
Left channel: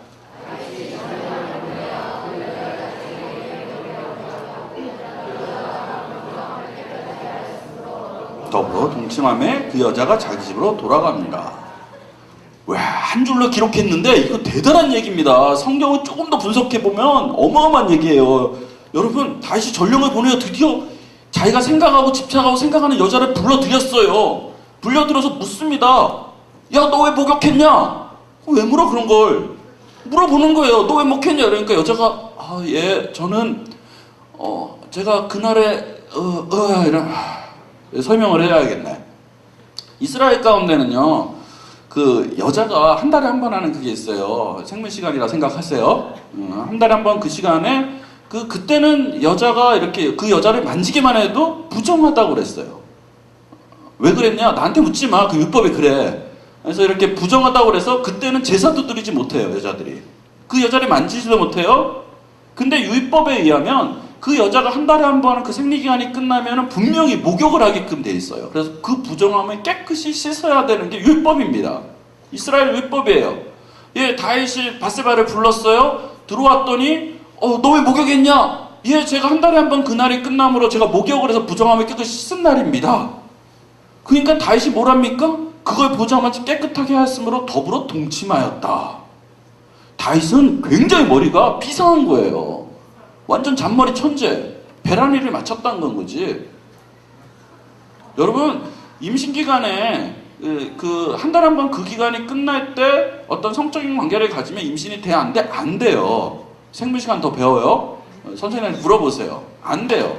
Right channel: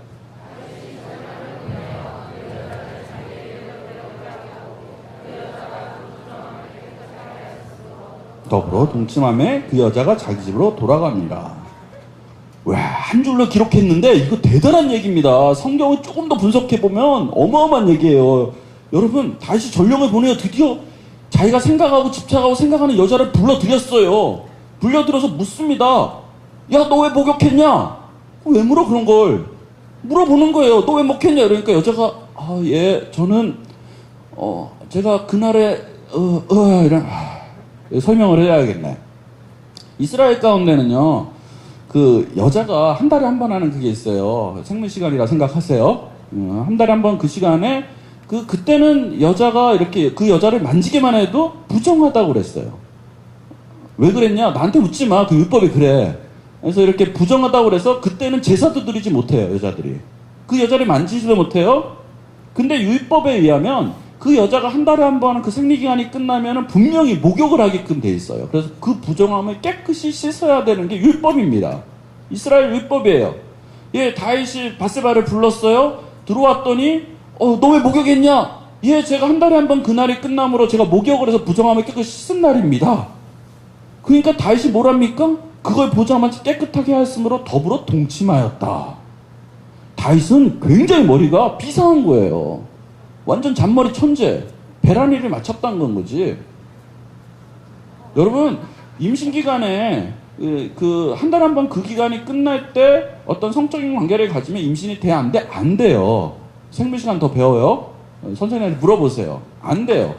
더불어 동침함에 그 여자가 자기 집으로 돌아갑니다. 와, 한 줄로 기록했는데 이거 대단한 얘기입니다. 성경을 조금 더 분석해보면 어마어마한 얘기예요. 여러분, 다시 전령을 보내어 드디어 자기가 생각하고 집착하고 생각하는 여자를 불러들였어요. 불러들어서 묻습니다. 야, 너 왜 목욕했냐? 왜 물어, 그런 걸? 물어보는 거예요. 너 왜 목욕했냐? 그러니까 여자가, 저는 제가 그날에 설명을 해야겠네. 이스라엘 가운데는요, 그 여자가 한 달에 한 번 하는 그게 있어요. 생물 시간이라 생각하세요. 한 달에 한 번 그 시간에 그때는 여자가 이렇게 그 여자를 만지기만 해도 부정하다고 그랬어요. 왜 그랬냐? 나한테 묻지 마. 그 율법이 그래. 그래서 이렇게 부정하다고 그래서 그때는 제사도 드리지 못해요, 여자들이. 그 여자를 만지지도 못해요. 근데 율법에 의하면 그 여자가 한 달에 한 번 하는 그 생리기간이 끝나면 분명히 목욕을 하게끔 돼 있어요. 그래서 그 부정함을 깨끗이 씻어야 되는 게 율법입니다. 이스라엘 율법이에요. 다윗이 바세바를 불렀어요. 들어왔더니 너 왜 목욕했냐? 제가 한 달에 한 번 그날이 끝남으로 제가 목욕을 해서 부정함을 깨끗이 씻은 날입니다. 그러니까 다윗이 뭐랍니까? 그걸 보자마자 깨끗하게 하였으므로 더불어 동침하였다. 다윗은 굉장히 머리가 비상한 거예요. 완전 잔머리 천재. 베라니를 맞췄다는 건 거지. 여러분, 임신기간에 한 달에 한 번 그 기간이 끝날 때 어떤 성적인 관계를 가지면 임신이 돼, 안 돼? 안 돼요. 생물시간 더 배워요? 선생님한테 물어보세요. 안 돼요.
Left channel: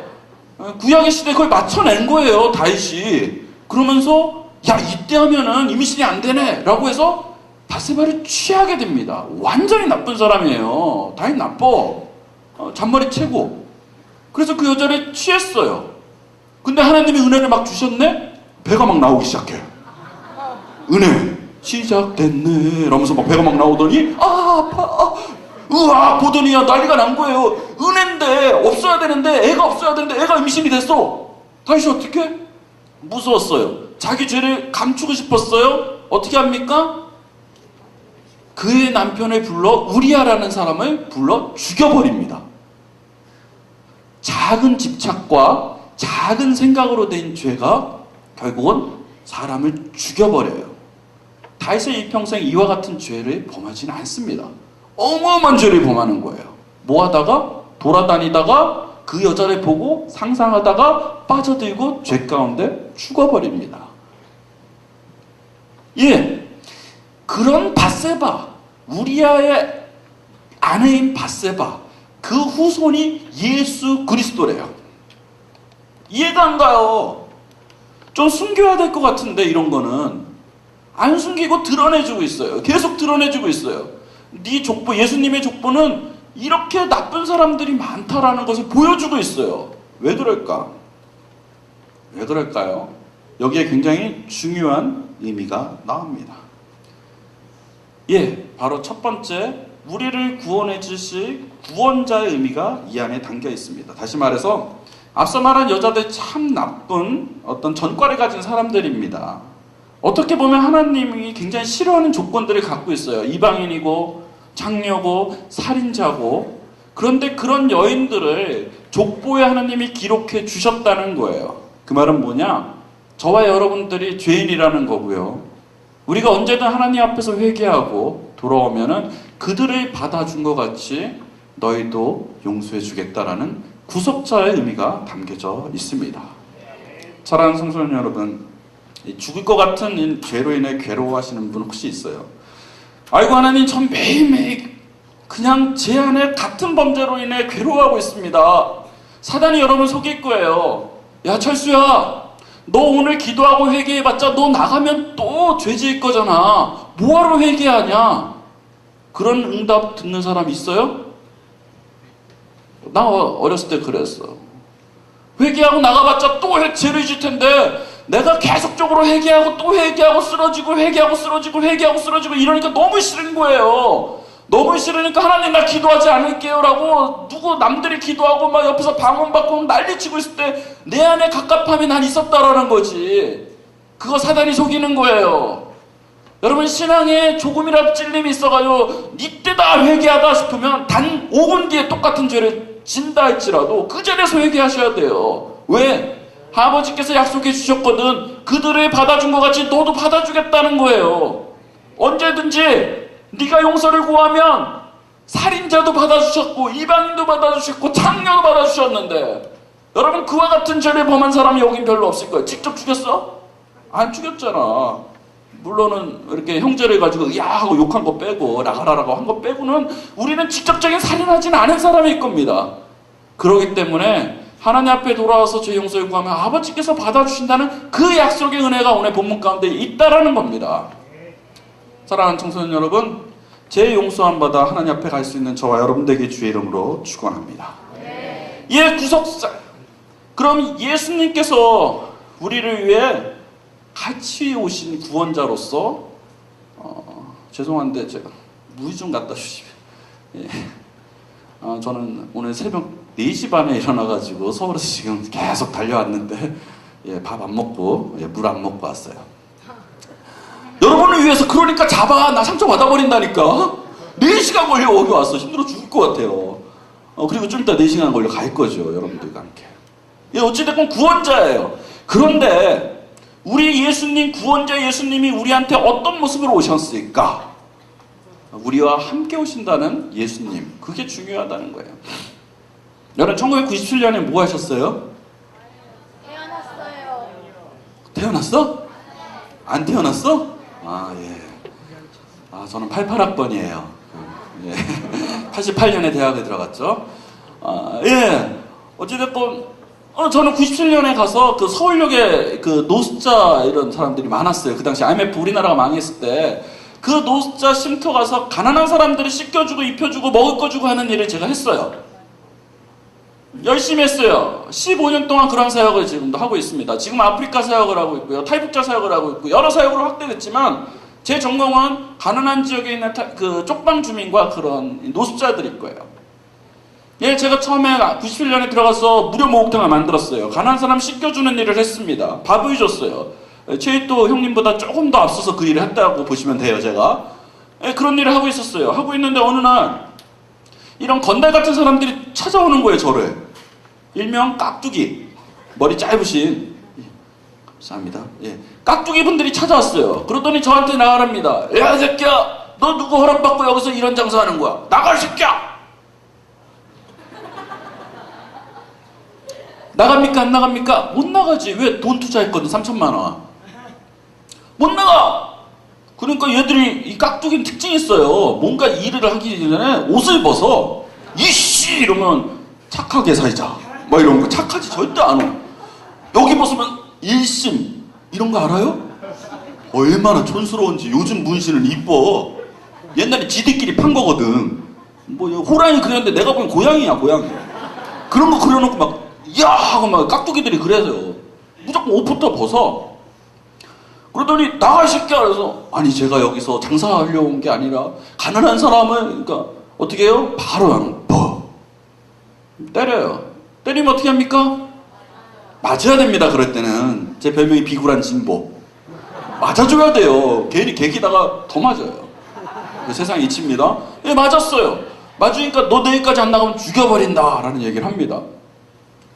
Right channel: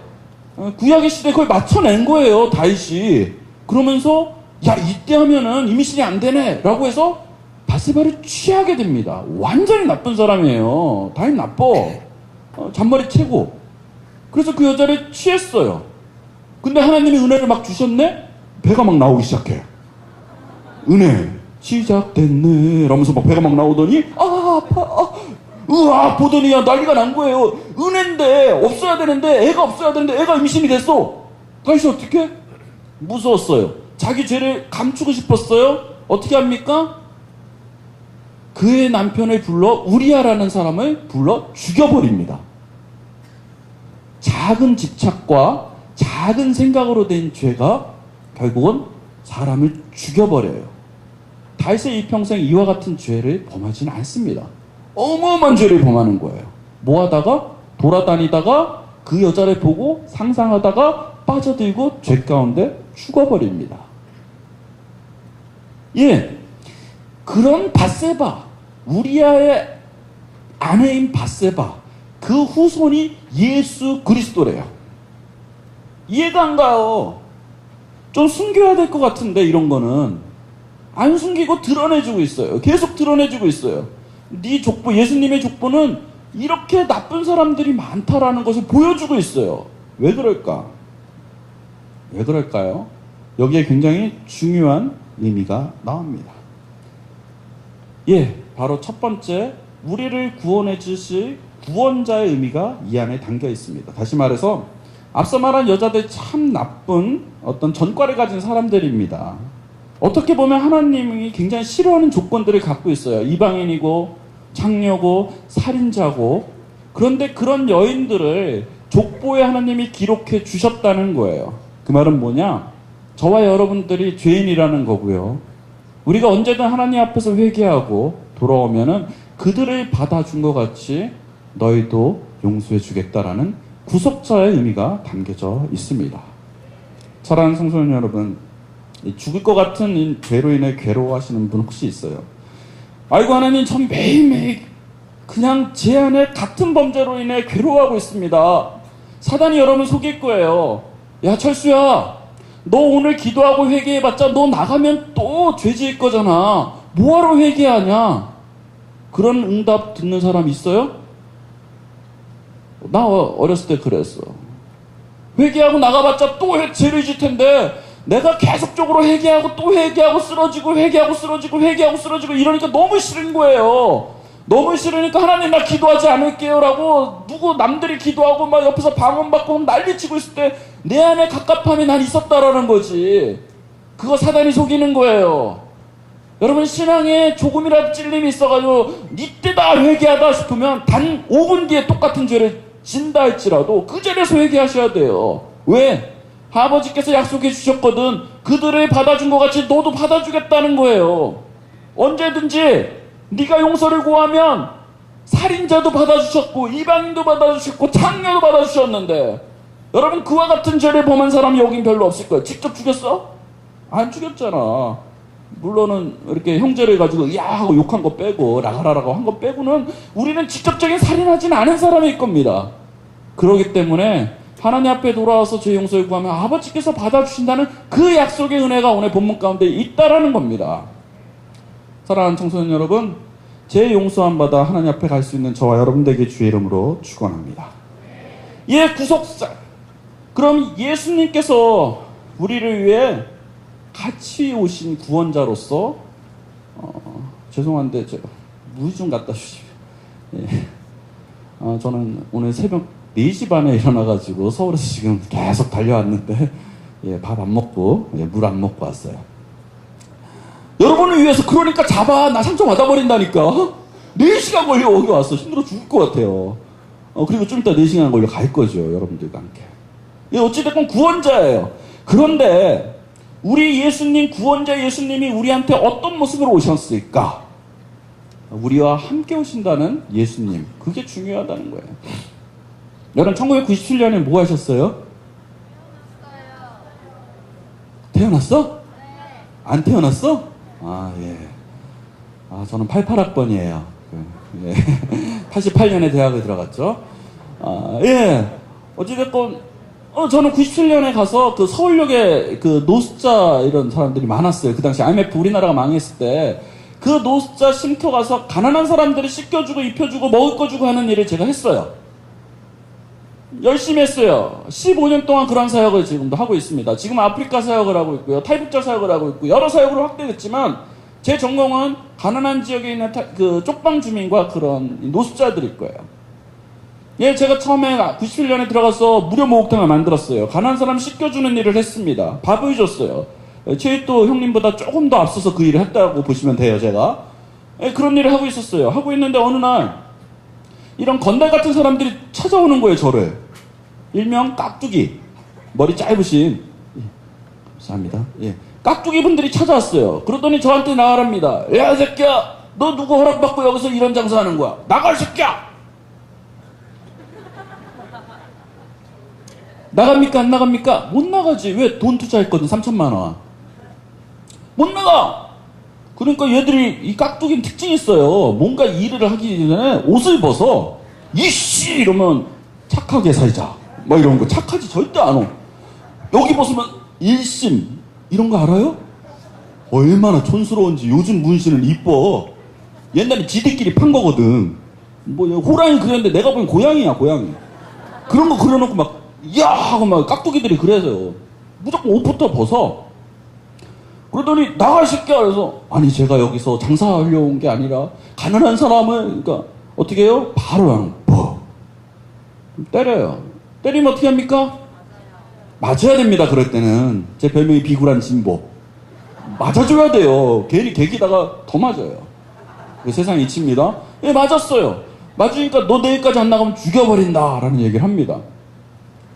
구약의 시대에 그걸 맞춰낸 거예요, 다윗이. 그러면서 야, 이때 하면은 임신이 안 되네 라고 해서 바세바를 취하게 됩니다. 완전히 나쁜 사람이에요. 다윗 나빠. 잔머리 채고. 그래서 그 여자를 취했어요. 근데 하나님이 은혜를 막 주셨네? 배가 막 나오기 시작해. 은혜 시작됐네 라면서 막 배가 막 나오더니 아파 으아 보더니 난리가 난 거예요. 은혜인데 없어야 되는데 애가 없어야 되는데 애가 임신이 됐어. 다윗이 어떻게? 무서웠어요. 자기 죄를 감추고 싶었어요. 어떻게 합니까? 그의 남편을 불러 우리아라는 사람을 불러 죽여버립니다. 작은 집착과 작은 생각으로 된 죄가 결국은 사람을 죽여버려요. 다윗의 일평생 이와 같은 죄를 범하지는 않습니다. 어마어마한 죄를 범하는 거예요. 뭐 하다가 돌아다니다가 그 여자를 보고 상상하다가 빠져들고 죄 가운데 죽어버립니다. 예, 그런 밧세바, 우리아의 아내인 밧세바, 그 후손이 예수 그리스도래요. 이해가 안 가요. 좀 숨겨야 될 것 같은데 이런 거는 안 숨기고 드러내주고 있어요. 계속 드러내주고 있어요. 네 족보, 예수님의 족보는 이렇게 나쁜 사람들이 많다라는 것을 보여주고 있어요. 왜 그럴까? 왜 그럴까요? 여기에 굉장히 중요한 의미가 나옵니다. 예, 바로 첫 번째, 우리를 구원해 주실 구원자의 의미가 이 안에 담겨 있습니다. 다시 말해서 앞서 말한 여자들 참 나쁜 어떤 전과를 가진 사람들입니다. 어떻게 보면 하나님이 굉장히 싫어하는 조건들을 갖고 있어요. 이방인이고 창녀고 살인자고. 그런데 그런 여인들을 족보에 하나님이 기록해 주셨다는 거예요. 그 말은 뭐냐? 저와 여러분들이 죄인이라는 거고요. 우리가 언제든 하나님 앞에서 회개하고 돌아오면은 그들을 받아준 것 같이 너희도 용서해 주겠다라는 구속자의 의미가 담겨져 있습니다. 사랑하는 성도님 여러분, 죽을 것 같은 죄로 인해 괴로워하시는 분 혹시 있어요? 아이고 하나님, 전 매일매일 그냥 제 안에 같은 범죄로 인해 괴로워하고 있습니다. 사단이 여러분 속일 거예요. 야 철수야, 너 오늘 기도하고 회개해봤자 너 나가면 또 죄 지을 거잖아. 뭐하러 회개하냐? 그런 응답 듣는 사람 있어요? 나 어렸을 때 그랬어. 회개하고 나가봤자 또 죄를 질 텐데 내가 계속적으로 회개하고 또 회개하고 쓰러지고 회개하고 쓰러지고 회개하고 쓰러지고 이러니까 너무 싫은 거예요. 너무 싫으니까 하나님 나 기도하지 않을게요 라고 누구 남들이 기도하고 막 옆에서 방언받고 난리치고 있을 때 내 안에 갑갑함이 난 있었다라는 거지. 그거 사단이 속이는 거예요. 여러분 신앙에 조금이라도 찔림이 있어가지고 이때다 회개하다 싶으면 단 5분 뒤에 똑같은 죄를 진다 할지라도 그 자리에서 회개하셔야 돼요. 왜? 아버지께서 약속해 주셨거든. 그들을 받아준 것 같이 너도 받아주겠다는 거예요. 언제든지 네가 용서를 구하면 살인자도 받아주셨고 이방인도 받아주셨고 창녀도 받아주셨는데 여러분 그와 같은 죄를 범한 사람이 여긴 별로 없을 거예요. 직접 죽였어? 안 죽였잖아. 물론은 이렇게 형제를 가지고 야 하고 욕한 거 빼고 나가라라고 한 거 빼고는 우리는 직접적인 살인하지는 않은 사람일 겁니다. 그렇기 때문에 하나님 앞에 돌아와서 죄 용서를 구하면 아버지께서 받아주신다는 그 약속의 은혜가 오늘 본문 가운데 있다라는 겁니다. 사랑하는 청소년 여러분, 죄 용서함 받아 하나님 앞에 갈 수 있는 저와 여러분들에게 주의 이름으로 축원합니다. 예, 구속사. 그럼 예수님께서 우리를 위해 같이 오신 구원자로서 죄송한데 제가 물 좀 갖다 주시면. 예. 저는 오늘 새벽 4시 반에 일어나가지고 서울에서 지금 계속 달려왔는데 예, 밥 안 먹고 물 안 먹고 왔어요. 여러분을 위해서 그러니까 잡아. 나 상처 받아버린다니까. 4시간 걸려 여기 왔어. 힘들어 죽을 것 같아요. 그리고 좀 이따 4시간 걸려 갈 거죠. 여러분들과 함께. 예, 어찌됐건 구원자예요. 그런데 우리 예수님, 구원자 예수님이 우리한테 어떤 모습으로 오셨을까? 우리와 함께 오신다는 예수님. 그게 중요하다는 거예요. 여러분 1997년에 뭐 하셨어요? 태어났어요. 태어났어? 안 태어났어? 아, 예. 저는 88학번이에요. 예. 88년에 대학에 들어갔죠. 예. 어찌됐건, 저는 97년에 가서 그 서울역에 그 노숙자 이런 사람들이 많았어요. 그 당시 IMF 우리나라가 망했을 때. 그 노숙자 쉼터 가서 가난한 사람들을 씻겨주고 입혀주고 먹을 거 주고 하는 일을 제가 했어요. 열심히 했어요. 15년 동안 그런 사역을 지금도 하고 있습니다. 지금 아프리카 사역을 하고 있고요. 탈북자 사역을 하고 있고 여러 사역으로 확대됐지만 제 전공은 가난한 지역에 있는 그 쪽방 주민과 그런 노숙자들일 거예요. 예, 제가 처음에 97년에 들어가서 무료 목욕탕을 만들었어요. 가난한 사람 씻겨주는 일을 했습니다. 밥을 줬어요. 최일도 형님보다 조금 더 앞서서 그 일을 했다고 보시면 돼요, 제가. 예, 그런 일을 하고 있었어요. 하고 있는데 어느 날 이런 건달 같은 사람들이 찾아오는 거예요, 저를. 일명 깍두기. 머리 짧으신. 예, 감사합니다. 예. 깍두기 분들이 찾아왔어요. 그러더니 저한테 나가랍니다. 야, 이 새끼야! 너 누구 허락받고 여기서 이런 장사하는 거야? 나가, 이 새끼야! 나갑니까? 안 나갑니까? 못 나가지. 왜? 돈 투자했거든, 3천만 원. 못 나가! 그러니까 얘들이, 이 깍두기는 특징이 있어요. 뭔가 일을 하기 전에 옷을 벗어. 이씨! 이러면 착하게 살자. 뭐 이런 거. 착하지 절대 안 와. 여기 벗으면 일심. 이런 거 알아요? 얼마나 촌스러운지. 요즘 문신은 이뻐. 옛날에 지들끼리 판 거거든. 뭐 호랑이 그렸는데 내가 보면 고양이야, 고양이. 그런 거 그려놓고 막 야 하고 막 깍두기들이 그래서요. 무조건 옷부터 벗어. 그러더니 나가 이 새끼야. 그래서 아니 제가 여기서 장사하려고 온 게 아니라 가난한 사람은 그러니까 어떻게 해요? 바로 그냥 때려요. 때리면 어떻게 합니까? 맞아야 됩니다. 그럴 때는 제 별명이 비굴한 진보. 맞아줘야 돼요. 괜히 개기다가 더 맞아요. 그 세상 이치입니다. 예, 맞았어요. 맞으니까 너 내일까지 안 나가면 죽여버린다 라는 얘기를 합니다.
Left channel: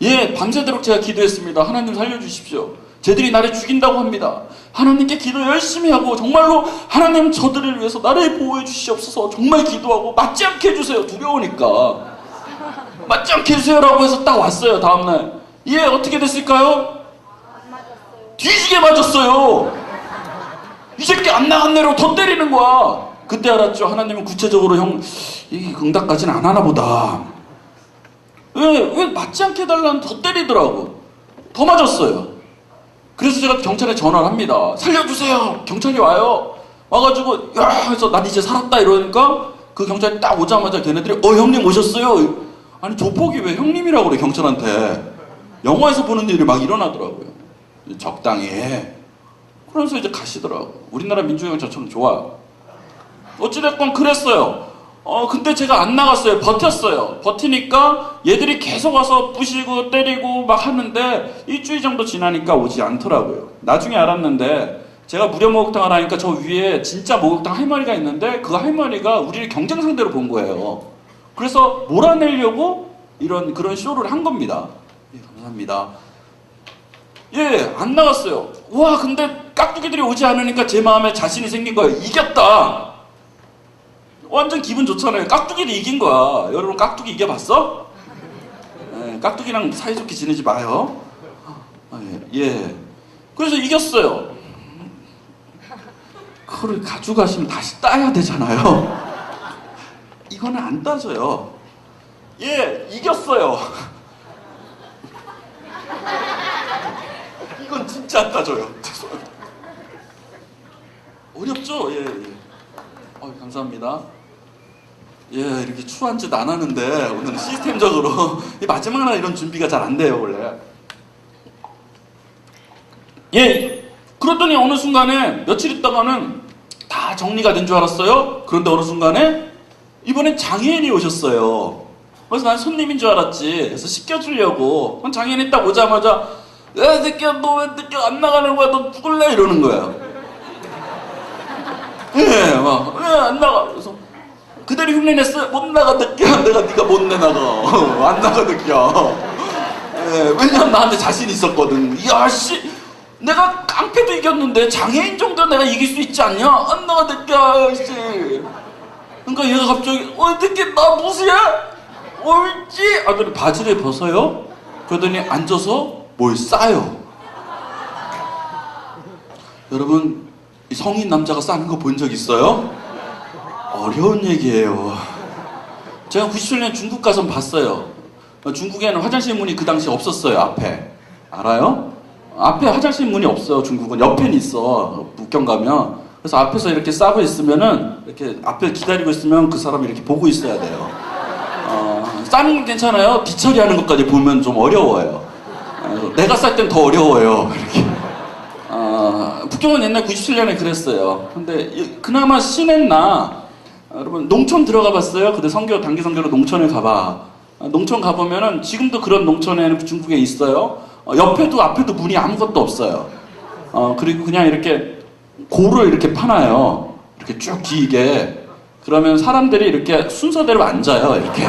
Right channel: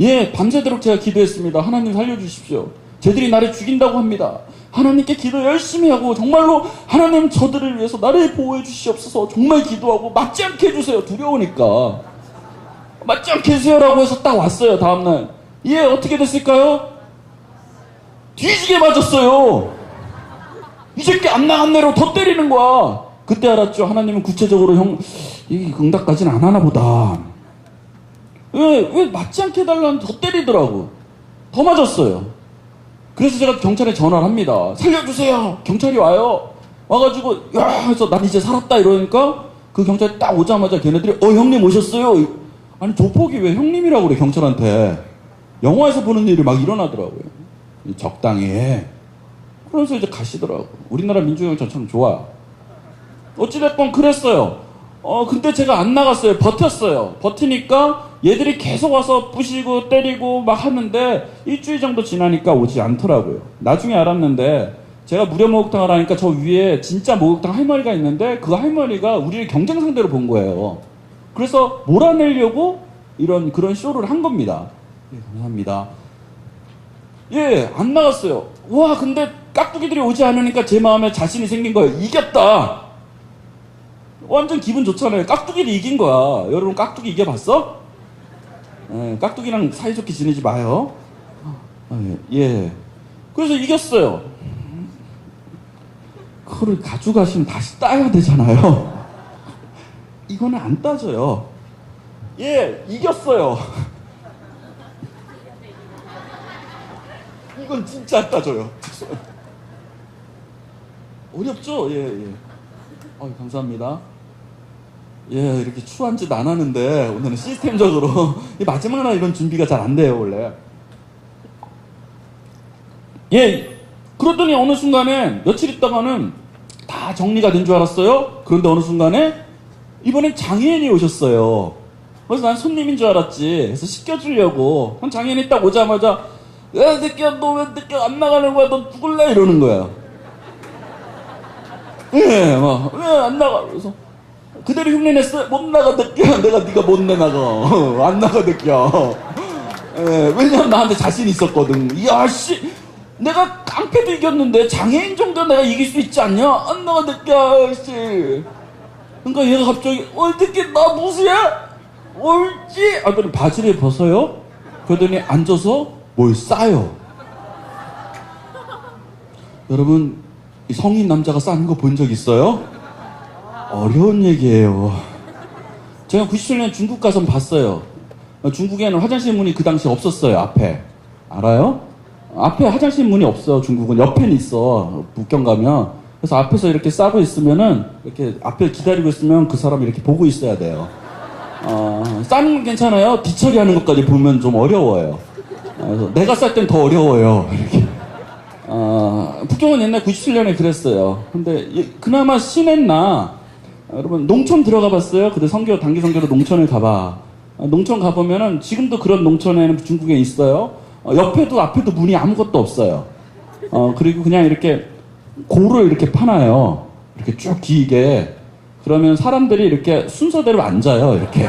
예, 밤새도록 제가 기도했습니다. 하나님 살려주십시오. 쟤들이 나를 죽인다고 합니다. 하나님께 기도 열심히 하고 정말로 하나님 저들을 위해서 나를 보호해 주시옵소서 정말 기도하고 맞지 않게 해주세요. 두려우니까. 맞지 않게 해주세요라고 해서 딱 왔어요. 다음날. 예, 어떻게 됐을까요? 뒤지게 맞았어요. 이 새끼 안 나갔네라고 더 때리는 거야. 그때 알았죠. 하나님은 구체적으로 이 응답까지는 안 하나 보다. 왜 맞지 않게 해달라는 더 때리더라고. 더 맞았어요. 그래서 제가 경찰에 전화를 합니다. 살려주세요. 경찰이 와요. 와가지고 야 해서 난 이제 살았다 이러니까 그 경찰이 딱 오자마자 걔네들이 형님 오셨어요. 아니 조폭이 왜 형님이라고 그래 경찰한테. 영화에서 보는 일이 막 일어나더라고요. 적당히 해. 그러면서 이제 가시더라고. 우리나라 민주경이 저처럼 좋아. 어찌됐건 그랬어요. 근데 제가 안 나갔어요. 버텼어요. 버티니까 얘들이 계속 와서 부시고 때리고 막 하는데 일주일 정도 지나니까 오지 않더라고요. 나중에 알았는데 제가 무료 목욕탕을 하니까 저 위에 진짜 목욕탕 할머니가 있는데 그 할머니가 우리를 경쟁 상대로 본 거예요. 그래서 몰아내려고 그런 쇼를 한 겁니다. 예, 감사합니다. 예, 안 나갔어요. 와, 근데 깍두기들이 오지 않으니까 제 마음에 자신이 생긴 거예요. 이겼다! 완전 기분 좋잖아요. 깍두기를 이긴 거야. 여러분 깍두기 이겨봤어? 예, 깍두기랑 사이좋게 지내지 마요. 예. 그래서 이겼어요. 그걸 가져가시면 다시 따야 되잖아요. 이거는 안 따져요. 예, 이겼어요. 이건 진짜 안 따져요. 어렵죠? 예, 예. 감사합니다. 예, 이렇게 추한 짓 안 하는데 오늘은 시스템적으로 마지막 날 이런 준비가 잘 안 돼요, 원래. 예, 그러더니 어느 순간에 며칠 있다가는 다 정리가 된 줄 알았어요. 그런데 어느 순간에 이번엔 장애인이 오셨어요. 그래서 난 손님인 줄 알았지. 그래서 씻겨주려고. 장애인이 딱 오자마자 야, 새끼야, 너 왜 새끼 안 나가는 거야? 너 죽을래? 이러는 거야. 예, 막, 왜 안 나가? 그래서 그대로 흉내냈어요. 못 나가, 새끼야. 내가 네가 못 내나가. 안 나가, 새끼야. 예, 왜냐면 나한테 자신 있었거든. 야, 씨. 내가 깡패도 이겼는데 장애인 정도 내가 이길 수 있지 않냐? 안 나가, 새끼야, 씨. 그러니까 얘가 갑자기, 새끼, 나 무시야? 옳지? 그러더니 바지를 벗어요. 그러더니 앉아서 뭘 싸요. 여러분, 이 성인 남자가 싸는 거 본 적 있어요? 어려운 얘기예요. 제가 97년에 중국 가서 봤어요. 중국에는 화장실 문이 그 당시에 없었어요. 앞에. 알아요? 앞에 화장실 문이 없어요. 중국은 옆에는 있어. 북경 가면. 그래서 앞에서 이렇게 싸고 있으면은 이렇게 앞에 기다리고 있으면 그 사람이 이렇게 보고 있어야 돼요. 싸는 건 괜찮아요. 뒤처리하는 것까지 보면 좀 어려워요. 내가 쌀 땐 더 어려워요. 이렇게. 북경은 옛날 97년에 그랬어요. 근데 그나마 신했나? 여러분 농촌 들어가 봤어요? 근데 단기 선교로 농촌을 가봐. 농촌 가보면은 지금도 그런 농촌에는 중국에 있어요. 옆에도 앞에도 문이 아무것도 없어요. 그리고 그냥 이렇게 고를 이렇게 파놔요. 이렇게 쭉 길게. 그러면 사람들이 이렇게 순서대로 앉아요. 이렇게.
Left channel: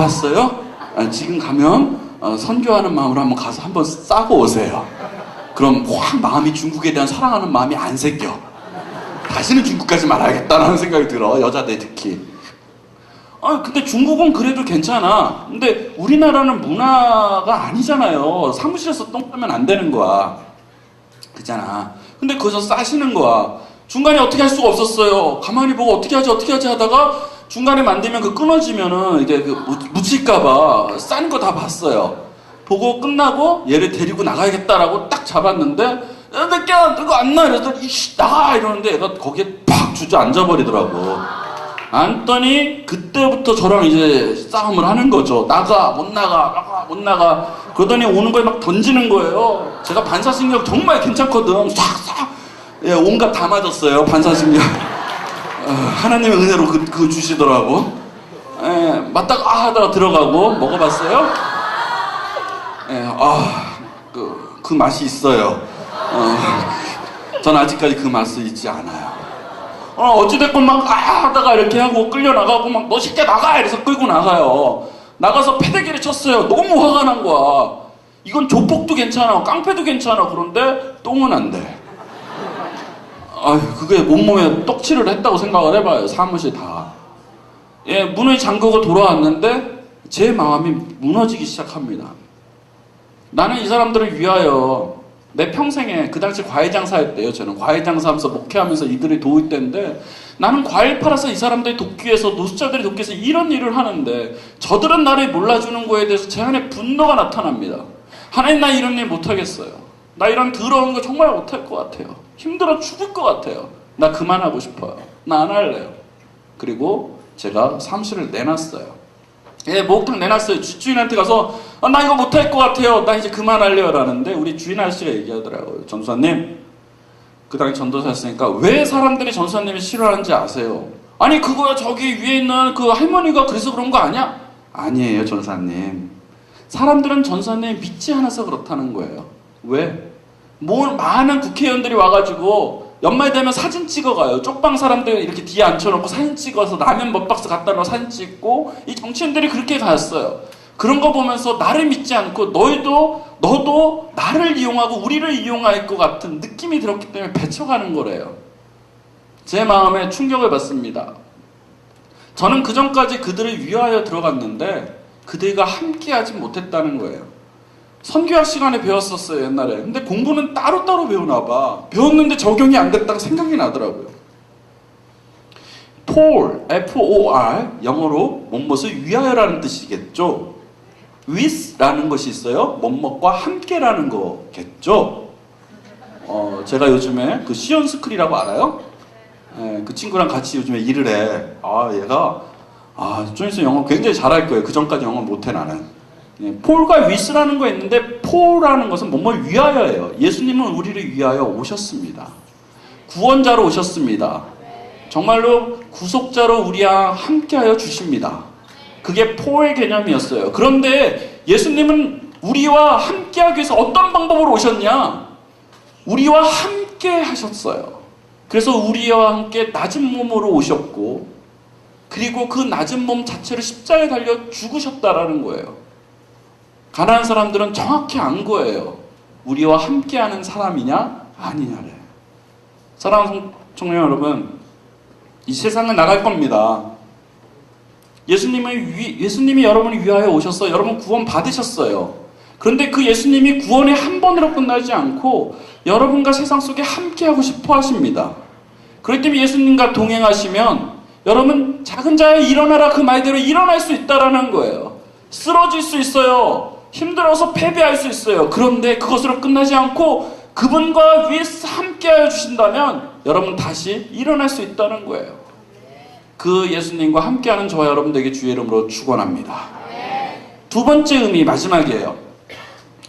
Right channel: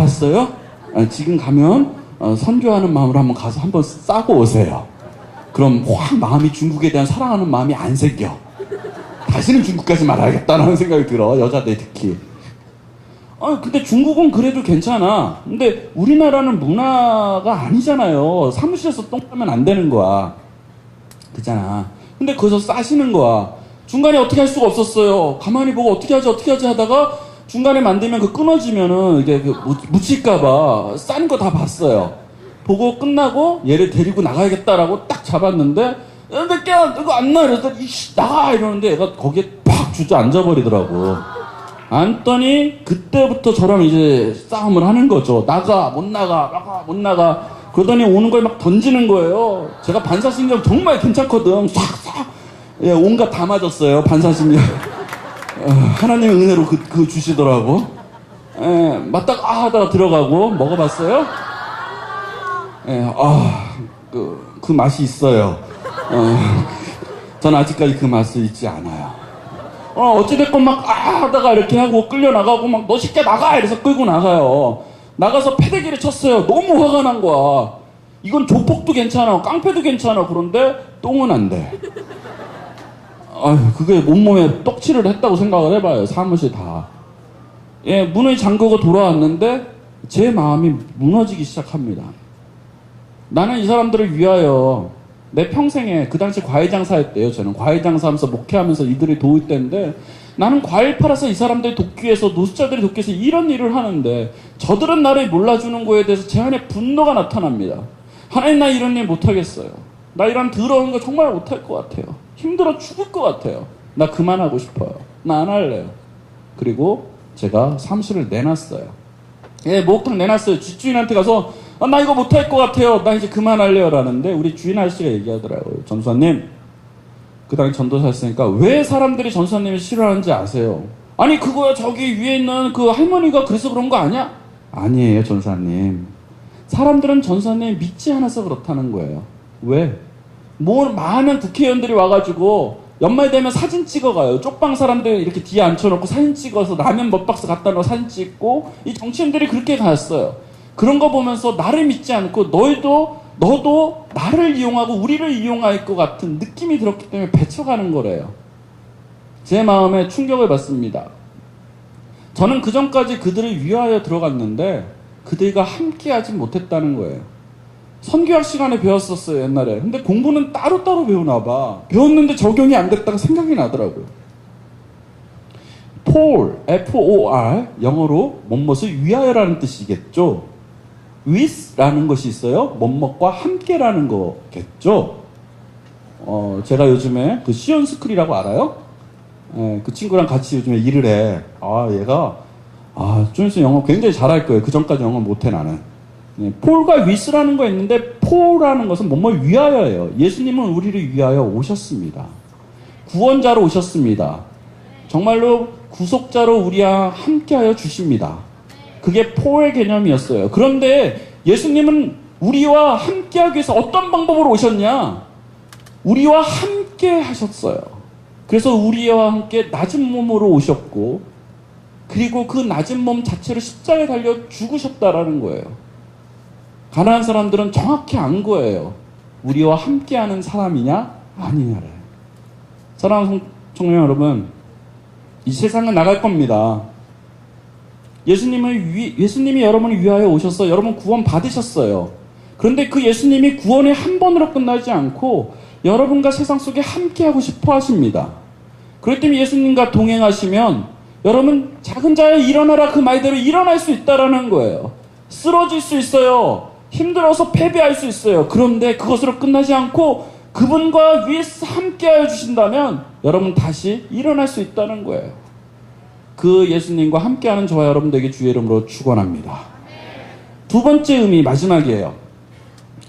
가봤어요? 지금 가면 선교하는 마음으로 한번 가서 한번 싸고 오세요. 그럼 확 마음이 중국에 대한 사랑하는 마음이 안 생겨. 다시는 중국까지 말아야겠다는 생각이 들어. 여자들 특히. 근데 중국은 그래도 괜찮아. 근데 우리나라는 문화가 아니잖아요. 사무실에서 똥 싸면 안 되는 거야. 그잖아. 근데 거기서 싸시는 거야. 중간에 어떻게 할 수가 없었어요. 가만히 보고 어떻게 하지 하다가 중간에 만들면 그 끊어지면은 이제 그 묻힐까봐 싼 거 다 봤어요. 보고 끝나고 얘를 데리고 나가야겠다라고 딱 잡았는데 야, 이거 안 나. 이래서 이씨 나가 이러는데 얘가 거기에 팍 주저앉아버리더라고. 앉더니 그때부터 저랑 이제 싸움을 하는 거죠. 나가 못 나가. 그러더니 오는 거에 막 던지는 거예요. 제가 반사신경 정말 괜찮거든. 싹 예, 온갖 다 맞았어요. 반사신경. 하나님의 은혜로 그 주시더라고. 예, 맞다가 하다가 들어가고 먹어봤어요? 예, 그 맛이 있어요. 전 아직까지 그 맛을 잊지 않아요. 어찌됐건 막 하다가 이렇게 하고 끌려나가고 막 너 새끼야 나가! 이래서 끌고 나가요. 나가서 패대기를 쳤어요. 너무 화가 난 거야. 이건 조폭도 괜찮아, 깡패도 괜찮아. 그런데 똥은 안 돼. 그게 온몸에 떡칠을 했다고 생각을 해봐요. 사무실 다. 예, 문을 잠그고 돌아왔는데 제 마음이 무너지기 시작합니다. 나는 이 사람들을 위하여 내 평생에, 그 당시 과일 장사였대요. 저는 과일 장사하면서 목회하면서 이들이 도울 때인데 나는 과일 팔아서 이 사람들이 돕기 위해서, 노숙자들이 돕기 위해서 이런 일을 하는데 저들은 나를 몰라주는 거에 대해서 제 안에 분노가 나타납니다. 하나님, 나 이런 일 못하겠어요. 나 이런 더러운 거 정말 못할 것 같아요. 힘들어 죽을 것 같아요. 나 그만하고 싶어요. 나 안 할래요. 그리고 제가 사무실을 내놨어요. 예, 목욕탕 내놨어요. 주인한테 가서 나 이거 못할 것 같아요. 나 이제 그만할래요. 라는데 우리 주인 아저씨가 얘기하더라고요. 전도사님, 그 당시 전도사였으니까 왜 사람들이 전도사님을 싫어하는지 아세요? 아니 그거야 저기 위에 있는 그 할머니가 그래서 그런 거 아니야? 아니에요 전도사님. 사람들은 전도사님 믿지 않아서 그렇다는 거예요. 왜? 많은 국회의원들이 와가지고 연말 되면 사진 찍어가요. 쪽방 사람들 이렇게 뒤에 앉혀놓고 사진 찍어서 라면 몇 박스 갖다 놓고 사진 찍고, 이 정치인들이 그렇게 갔어요. 그런 거 보면서 나를 믿지 않고 너도 나를 이용하고 우리를 이용할 것 같은 느낌이 들었기 때문에 배척하는 거래요. 제 마음에 충격을 받습니다. 저는 그 전까지 그들을 위하여 들어갔는데 그들과 함께하지 못했다는 거예요. 선교학 시간에 배웠었어요, 옛날에. 근데 공부는 따로따로 배우나 봐. 배웠는데 적용이 안 됐다가 생각이 나더라고요. for, F-O-R, 영어로 뭐뭇을 위하여라는 뜻이겠죠. with라는 것이 있어요. 뭐뭇과 함께라는 거겠죠. 제가 요즘에 그 시온스쿨이라고 알아요? 그 친구랑 같이 요즘에 일을 해. 얘가 좀 있으면 영어 굉장히 잘할 거예요. 그 전까지 영어 못해 나는. 폴과 위스라는 거 있는데, 폴이라는 것은 뭐뭘 위하여예요. 예수님은 우리를 위하여 오셨습니다. 구원자로 오셨습니다. 정말로 구속자로 우리와 함께하여 주십니다. 그게 폴의 개념이었어요. 그런데 예수님은 우리와 함께하기 위해서 어떤 방법으로 오셨냐? 우리와 함께 하셨어요. 그래서 우리와 함께 낮은 몸으로 오셨고, 그리고 그 낮은 몸 자체를 십자가에 달려 죽으셨다라는 거예요. 가난한 사람들은 정확히 안 거예요. 우리와 함께하는 사람이냐 아니냐를. 사랑하는 청년 여러분, 이 세상은 나갈 겁니다. 예수님이 여러분을 위하여 오셔서 여러분 구원 받으셨어요. 그런데 그 예수님이 구원의 한 번으로 끝나지 않고 여러분과 세상 속에 함께하고 싶어 하십니다. 그렇기 때문에 예수님과 동행하시면 여러분 작은 자여 일어나라 그 말대로 일어날 수 있다라는 거예요. 쓰러질 수 있어요. 힘들어서 패배할 수 있어요. 그런데 그것으로 끝나지 않고 그분과 위에서 함께하여 주신다면 여러분 다시 일어날 수 있다는 거예요. 그 예수님과 함께하는 저와 여러분들에게 주의 이름으로 축원합니다. 두 번째 의미 마지막이에요.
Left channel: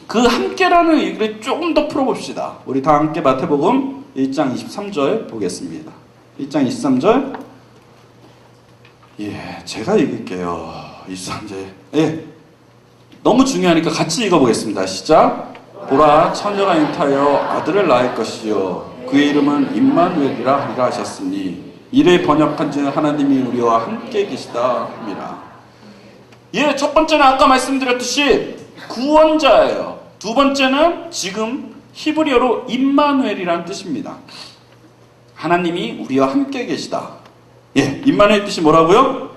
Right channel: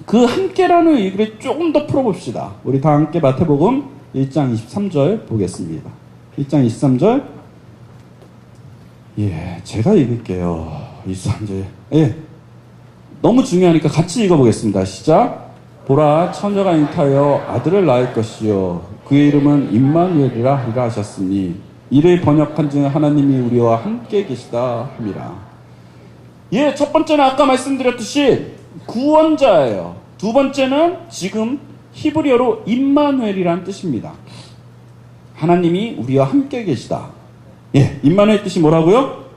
그 함께라는 의미를 조금 더 풀어봅시다. 우리 다 함께 마태복음 1장 23절 보겠습니다. 1장 23절. 제가 읽을게요. 23절. 너무 중요하니까 같이 읽어보겠습니다. 시작. 보라, 처녀가 잉타하여 아들을 낳을 것이요 그의 이름은 임마누엘이라 하리라 하셨으니 이를 번역한즉 하나님이 우리와 함께 계시다 함이라. 예, 첫 번째는 아까 말씀드렸듯이 구원자예요. 두 번째는 지금 히브리어로 임마누엘이라는 뜻입니다. 하나님이 우리와 함께 계시다. 예, 임마누엘 뜻이 뭐라고요?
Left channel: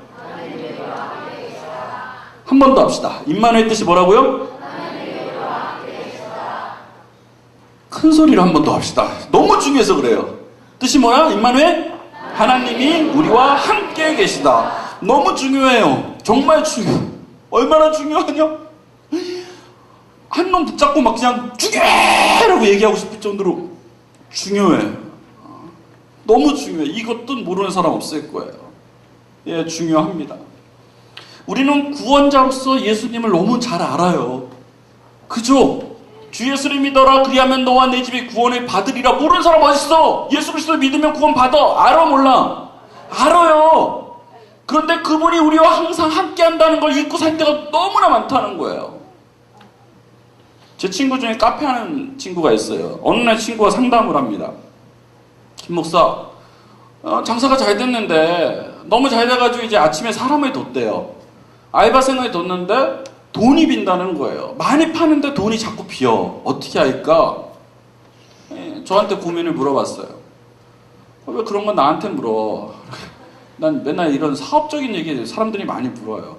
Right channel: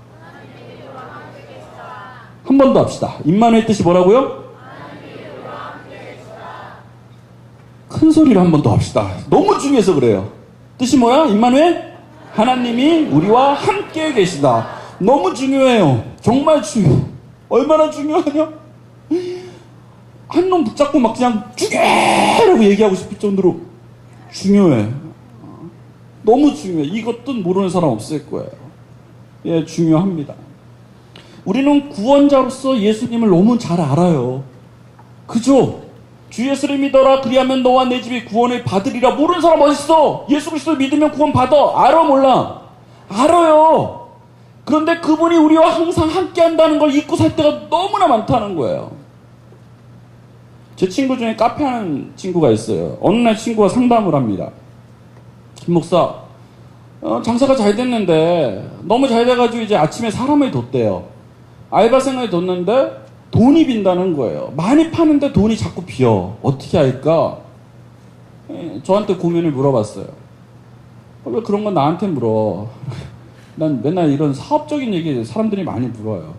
한 번 더 합시다. 임마누엘 뜻이 뭐라고요? 큰 소리로 한 번 더 합시다. 너무 중요해서 그래요. 뜻이 뭐야? 임마누엘? 하나님이 우리와 함께 계시다. 너무 중요해요. 정말 중요해요. 얼마나 중요하냐? 한 놈 붙잡고 막 그냥 죽여라고 얘기하고 싶을 정도로 중요해. 너무 중요해. 이것도 모르는 사람 없을 거예요. 예, 중요합니다. 우리는 구원자로서 예수님을 너무 잘 알아요. 그죠? 주 예수를 믿어라. 그리하면 너와 내 집이 구원을 받으리라. 모르는 사람 어딨어? 예수 그리스도를 믿으면 구원 받아. 알아 몰라? 알아요. 그런데 그분이 우리와 항상 함께 한다는 걸 잊고 살 때가 너무나 많다는 거예요. 제 친구 중에 카페 하는 친구가 있어요. 어느 날 친구가 상담을 합니다. 김 목사, 장사가 잘 됐는데 너무 잘 돼가지고 이제 아침에 사람을 뒀대요. 알바생을 뒀는데 돈이 빈다는 거예요. 많이 파는데 돈이 자꾸 비어. 어떻게 할까? 저한테 고민을 물어봤어요. 왜 그런 건 나한테 물어? 난 맨날 이런 사업적인 얘기 사람들이 많이 물어요.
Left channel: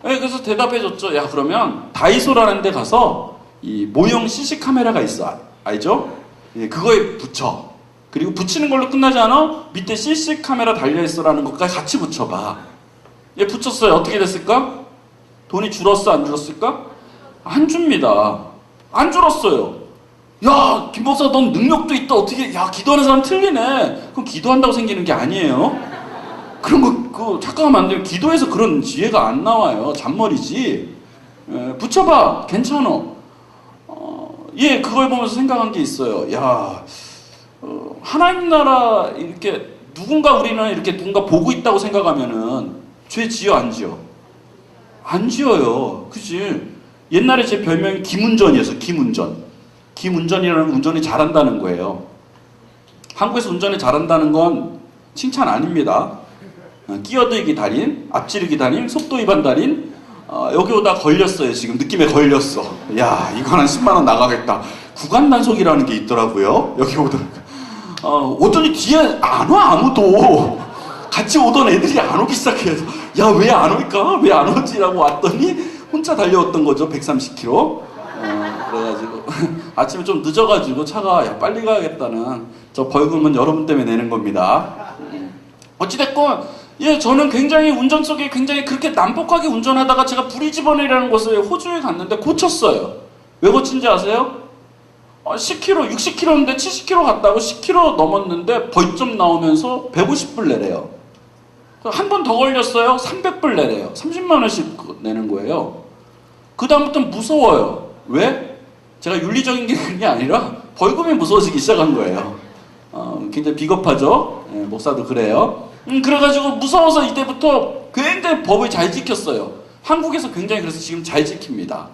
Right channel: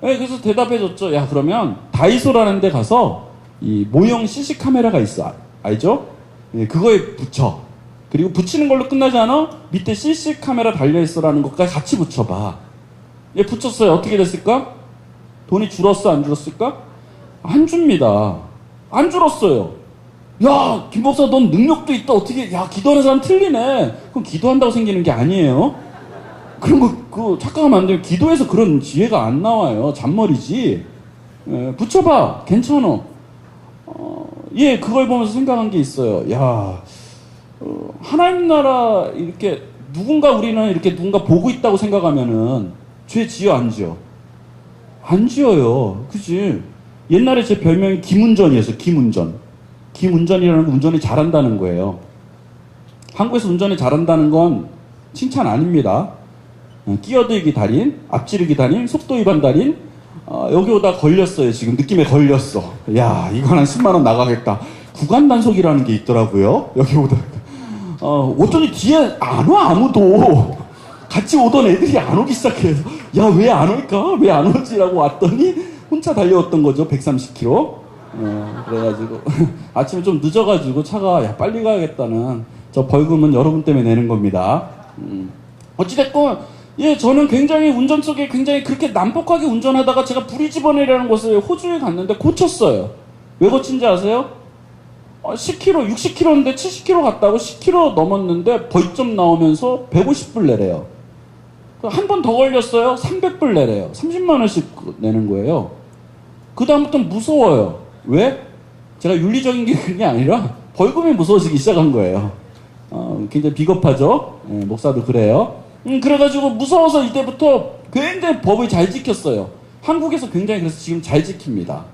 그래서 대답해줬죠. 야, 그러면 다이소라는 데 가서 이 모형 CC 카메라가 있어. 알죠? 그거에 붙여. 그리고 붙이는 걸로 끝나지 않아? 밑에 CC 카메라 달려있어라는 것까지 같이 붙여봐. 얘 붙였어요. 어떻게 됐을까? 돈이 줄었어? 안 줄었을까? 안 줍니다. 안 줄었어요. 야, 김 목사 넌 능력도 있다. 어떻게, 야, 기도하는 사람 틀리네. 그럼 기도한다고 생기는 게 아니에요. 그런 거, 착각하면 안 돼요. 기도해서 그런 지혜가 안 나와요. 잔머리지. 붙여봐. 괜찮아. 예, 그걸 보면서 생각한 게 있어요. 야, 하나님 나라 이렇게 우리는 이렇게 누군가 보고 있다고 생각하면은 죄 지어 안 지어? 안 지어요. 그치? 옛날에 제 별명이 김운전이었어요. 김운전. 김운전이라는 운전이 잘한다는 거예요. 한국에서 운전이 잘한다는 건 칭찬 아닙니다. 끼어들기 달인, 앞지르기 달인, 속도 위반 달인, 여기 오다 걸렸어요. 지금 느낌에 걸렸어. 야, 이거 한 10만 원 나가겠다. 구간 단속이라는 게 있더라고요. 여기 오다. 오더니 뒤에 안 와, 아무도. 같이 오던 애들이 안 오기 시작해서, 야, 왜 안 올까? 왜 안 오지라고 왔더니 혼자 달려왔던 거죠. 130km. 그래가지고 아침에 좀 늦어가지고 차가 야, 빨리 가야겠다는 저 벌금은 여러분 때문에 내는 겁니다. 어찌됐건 예, 저는 굉장히 운전 속에 굉장히 그렇게 난폭하게 운전하다가 제가 브리즈번이라는 곳을 호주에 갔는데 고쳤어요. 왜 고친지 아세요? 10km, 60km인데 70km 갔다고 10km 넘었는데 벌점 나오면서 150불 내래요. 한 번 더 걸렸어요. 300불 내래요. 30만 원씩 내는 거예요. 그 다음부터는 무서워요. 왜? 제가 윤리적인 게 그게 아니라 벌금이 무서워지기 시작한 거예요. 굉장히 비겁하죠? 예, 목사도 그래요. 그래가지고 무서워서 이때부터 굉장히 법을 잘 지켰어요. 한국에서 굉장히 그래서 지금 잘 지킵니다.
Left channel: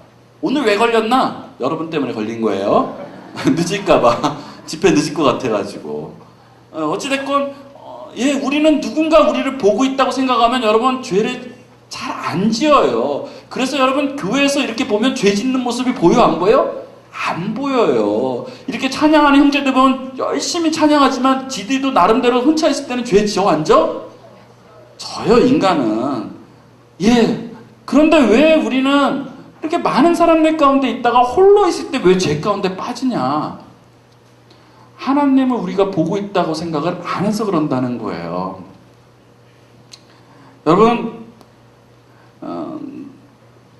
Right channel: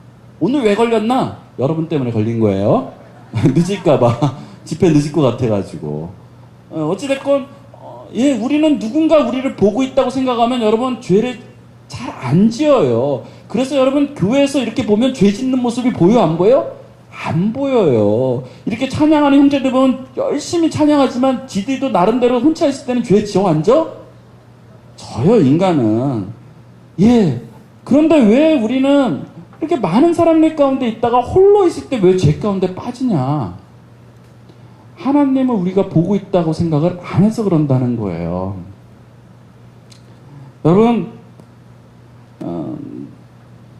오늘 왜 걸렸나? 여러분 때문에 걸린 거예요. 늦을까봐. 집회 늦을 것 같아가지고. 어찌됐건, 예, 우리는 누군가 우리를 보고 있다고 생각하면 여러분 죄를 잘 안 지어요. 그래서 여러분 교회에서 이렇게 보면 죄 짓는 모습이 보여 안 보여? 안 보여요. 이렇게 찬양하는 형제들 보면 열심히 찬양하지만 지들도 나름대로 혼자 있을 때는 죄 지어 앉아? 저요, 인간은. 예. 그런데 왜 우리는 이렇게 많은 사람들 가운데 있다가 홀로 있을 때 왜 죄 가운데 빠지냐? 하나님을 우리가 보고 있다고 생각을 안 해서 그런다는 거예요. 여러분,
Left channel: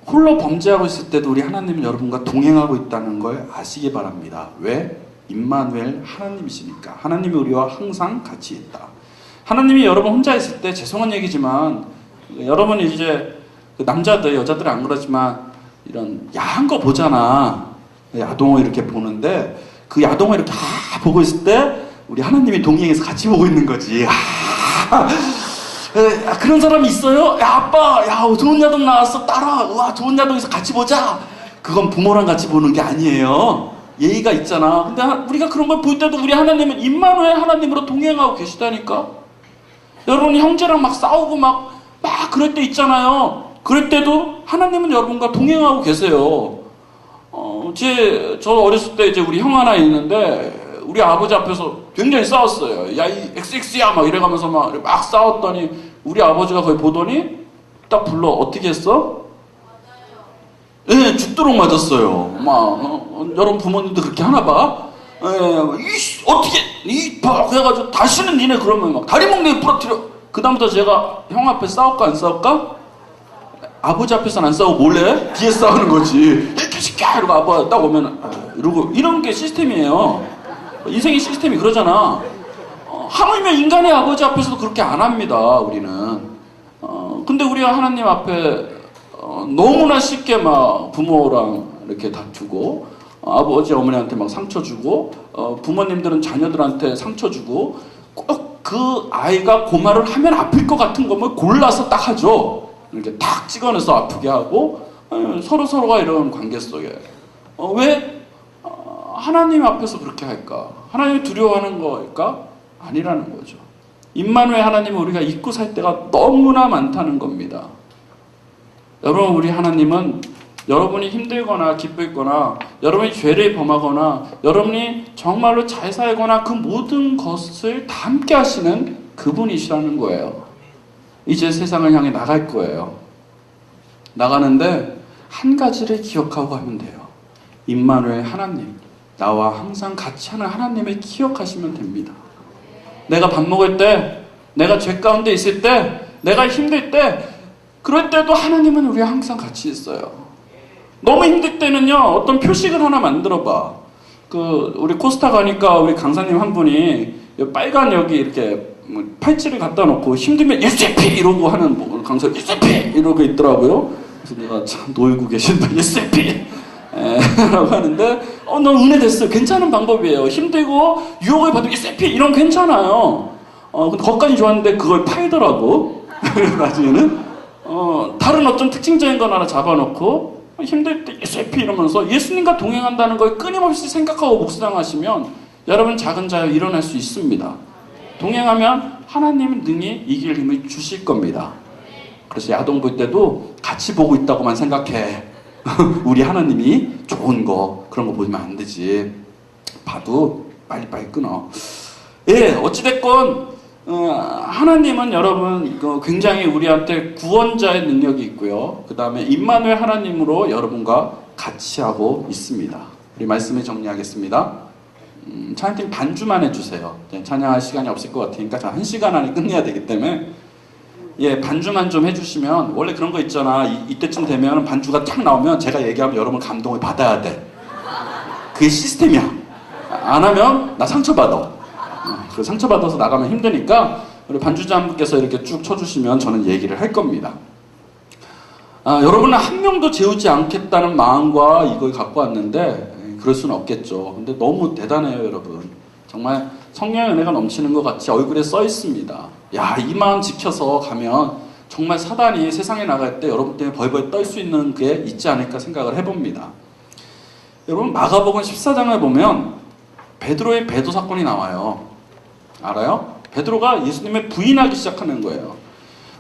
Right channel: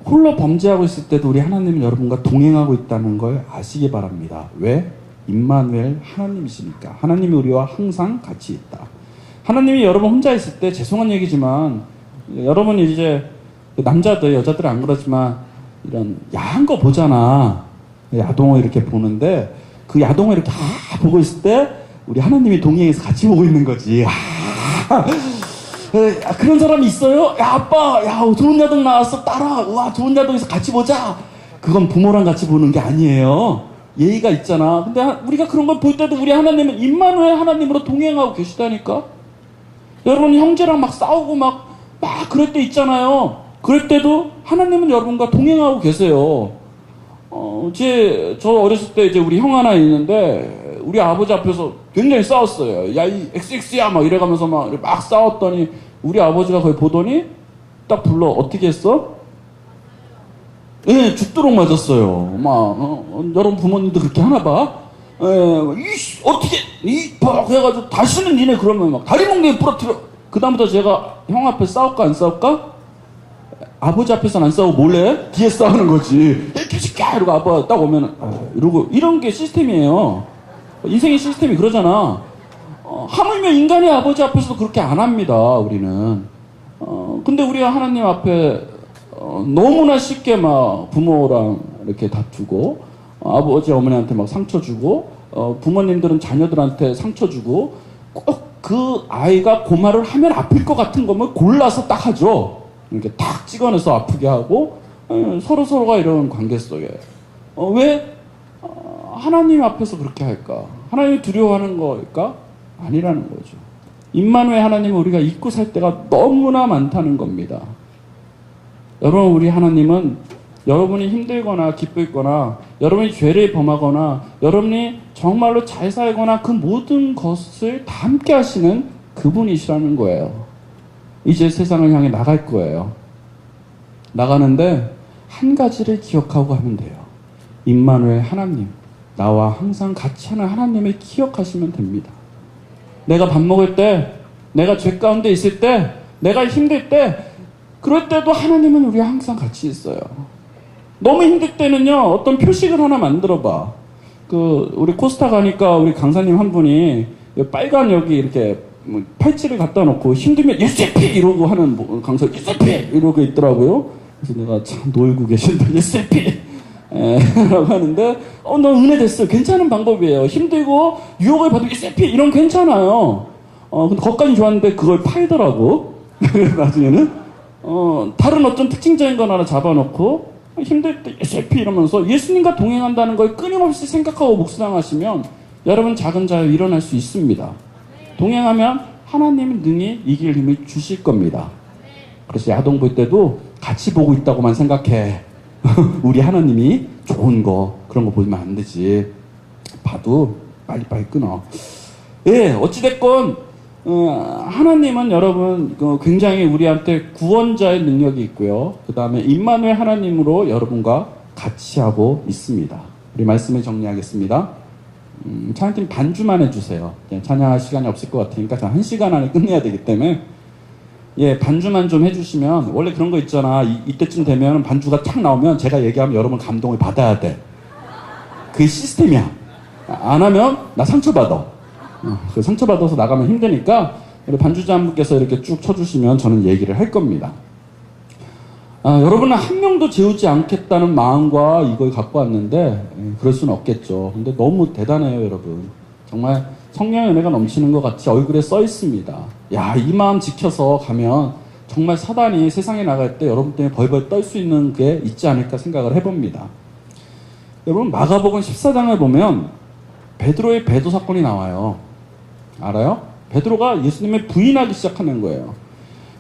홀로 범죄하고 있을 때도 우리 하나님은 여러분과 동행하고 있다는 걸 아시기 바랍니다. 왜? 임마누엘 하나님이시니까. 하나님이 우리와 항상 같이 있다. 하나님이 여러분 혼자 있을 때 죄송한 얘기지만 여러분이 이제 남자들 여자들 안 그러지만 이런 야한 거 보잖아. 야동을 이렇게 보는데 그 야동을 이렇게 보고 있을 때 우리 하나님이 동행해서 같이 보고 있는 거지. 그런 사람이 있어요? 야, 아빠, 야, 좋은 야동 나왔어. 따라. 와, 좋은 야동에서 같이 보자. 그건 부모랑 같이 보는 게 아니에요. 예의가 있잖아. 근데 우리가 그런 걸 볼 때도 우리 하나님은 임마누엘 하나님으로 동행하고 계시다니까. 여러분 형제랑 막 싸우고 막 그럴 때 있잖아요. 그럴 때도 하나님은 여러분과 동행하고 계세요. 저 어렸을 때 이제 우리 형 하나 있는데 우리 아버지 앞에서 굉장히 싸웠어요. 야, 이 XX야 막 이래가면서 막 싸웠더니 우리 아버지가 거기 보더니 딱 불러 어떻게 했어? 예, 죽도록 맞았어요. 여러분 부모님도 그렇게 하나 봐. 예, 어떻게 그래가지고 다시는 니네 그러면 막 다리 몽둥이 부러뜨려. 그다음부터 제가 형 앞에 싸울까 안 싸울까? 아버지 앞에서는 안 싸우고 몰래 뒤에 싸우는 거지. 이렇게 시켜 이러고 아빠 딱 오면 이러고 이런 게 시스템이에요. 인생의 시스템이 그러잖아. 하물며 인간의 아버지 앞에서도 그렇게 안 합니다. 우리는. 근데 우리가 하나님 앞에 너무나 쉽게 막 부모랑 이렇게 다투고 아버지 어머니한테 막 상처 주고 부모님들은 자녀들한테 상처 주고 꼭 그 아이가 그 말을 하면 아플 것 같은 거면 골라서 딱 하죠. 이렇게 탁 찍어내서 아프게 하고 서로가 이런 관계 속에 왜 하나님 앞에서 그렇게 할까? 하나님을 두려워하는 거일까? 아니라는 거죠. 임마누엘 하나님은 우리가 잊고 살 때가 너무나 많다는 겁니다. 여러분, 우리 하나님은 여러분이 힘들거나 기쁘거나 여러분이 죄를 범하거나 여러분이 정말로 잘 살거나 그 모든 것을 다 함께 하시는 그분이시라는 거예요. 이제 세상을 향해 나갈 거예요. 나가는데 한 가지를 기억하고 하면 돼요. 임마누엘 하나님, 나와 항상 같이 하는 하나님을 기억하시면 됩니다. 내가 밥 먹을 때, 내가 죄 가운데 있을 때, 내가 힘들 때, 그럴 때도 하나님은 우리와 항상 같이 있어요. 너무 힘들 때는요, 어떤 표식을 하나 만들어봐. 우리 코스타 가니까 우리 강사님 한 분이 빨간 여기 이렇게 팔찌를 갖다 놓고 힘들면 유세피 이러고 하는 강사 유세피 이러고 있더라고요. 그래서 내가 참 놀고 계신다 유세피 라고 하는데 나 은혜됐어요. 괜찮은 방법이에요. 힘들고 유혹을 받으면 유세피 이런 거 괜찮아요. 근데 거기까지 좋았는데 그걸 팔더라고. 나중에는 다른 어떤 특징적인 거 하나 잡아놓고 힘들 때 유세피 이러면서 예수님과 동행한다는 걸 끊임없이 생각하고 묵상하시면 여러분 작은 자유 일어날 수 있습니다. 동행하면 하나님은 능히 이길 힘을 주실 겁니다. 그래서 야동 볼 때도 같이 보고 있다고만 생각해. 우리 하나님이 좋은 거 그런 거 보면 안 되지. 봐도 빨리빨리 끊어. 예, 어찌됐건 하나님은 여러분 굉장히 우리한테 구원자의 능력이 있고요. 그 다음에 임마누엘 하나님으로 여러분과 같이 하고 있습니다. 우리 말씀을 정리하겠습니다. 찬양팀 반주만 해주세요. 찬양할 시간이 없을 것 같으니까 1시간 안에 끝내야 되기 때문에 예, 반주만 좀 해주시면 원래 그런 거 있잖아. 이때쯤 되면 반주가 탁 나오면 제가 얘기하면 여러분 감동을 받아야 돼. 그게 시스템이야. 안 하면 나 상처받아. 그 상처받아서 나가면 힘드니까 우리 반주자 한 분께서 이렇게 쭉 쳐주시면 저는 얘기를 할 겁니다. 여러분은 한 명도 재우지 않겠다는 마음과 이걸 갖고 왔는데 그럴 수는 없겠죠. 근데 너무 대단해요, 여러분. 정말 성령의 은혜가 넘치는 것 같이 얼굴에 써 있습니다. 야, 이 마음 지켜서 가면 정말 사단이 세상에 나갈 때 여러분 때문에 벌벌 떨 수 있는 게 있지 않을까 생각을 해봅니다. 여러분, 마가복음 14장을 보면 베드로의 배도 사건이 나와요. 알아요? 베드로가 예수님을 부인하기 시작하는 거예요.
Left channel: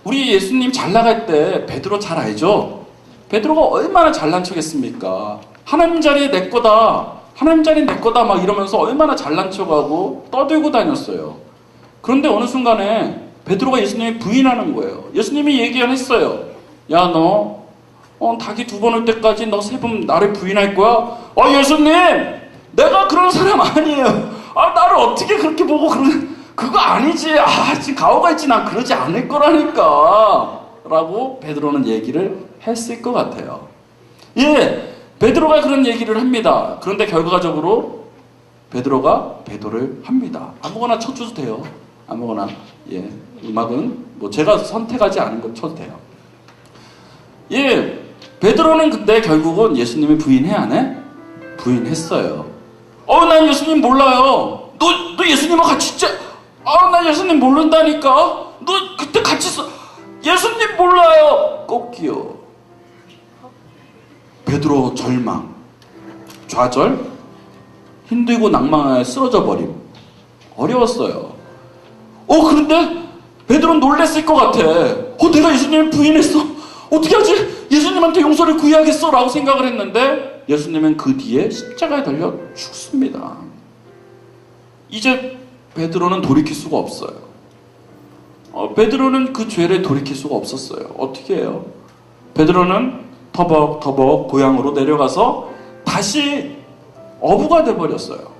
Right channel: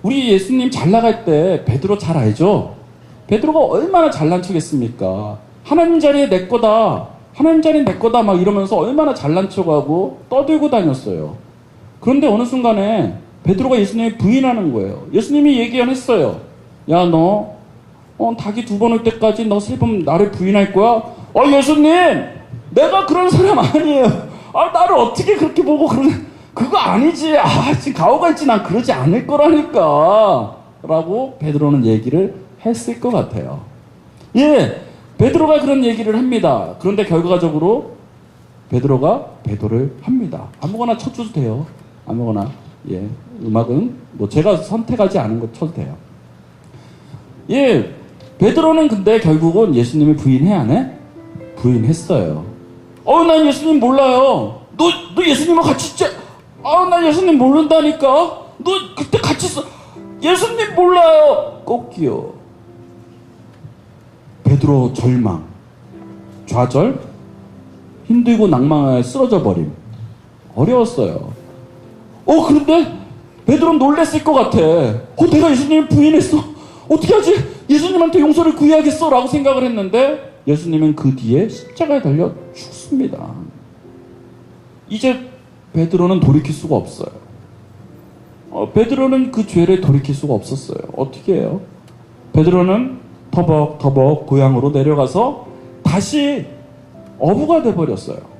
우리 예수님 잘 나갈 때 베드로 잘 알죠? 베드로가 얼마나 잘난 척했습니까? 하나님 자리 내 거다. 하나님 자리 내 거다 막 이러면서 얼마나 잘난 척하고 떠들고 다녔어요. 그런데 어느 순간에 베드로가 예수님을 부인하는 거예요. 예수님이 얘기했어요. 야, 너 닭이 2번 올 때까지 너 3번 나를 부인할 거야? 예수님! 내가 그런 사람 아니에요. 나를 어떻게 그렇게 보고 그거 아니지. 지금 가오가 있지. 난 그러지 않을 거라니까. 라고 베드로는 얘기를 했을 것 같아요. 예, 베드로가 그런 얘기를 합니다. 그런데 결과적으로 베드로가 배도를 합니다. 아무거나 쳐줘도 돼요. 아무거나. 예, 음악은 제가 선택하지 않은 거 쳐도 돼요. 예, 베드로는 근데 결국은 예수님을 부인해 안 해? 부인했어요. 난 예수님 몰라요. 너 예수님하고 같이 있자. 난 예수님 모른다니까. 너 그때 같이 있어. 예수님 몰라요. 꺾이요. 베드로 절망, 좌절, 힘들고 낭만에 쓰러져 버림. 어려웠어요. 그런데 베드로 놀랬을 것 같아. 내가 예수님을 부인했어. 어떻게 하지? 예수님한테 용서를 구해야겠어 라고 생각을 했는데 예수님은 그 뒤에 십자가에 달려 죽습니다. 이제 베드로는 돌이킬 수가 없어요. 베드로는 그 죄를 돌이킬 수가 없었어요. 어떻게 해요? 베드로는 터벅터벅 고향으로 내려가서 다시 어부가 돼버렸어요.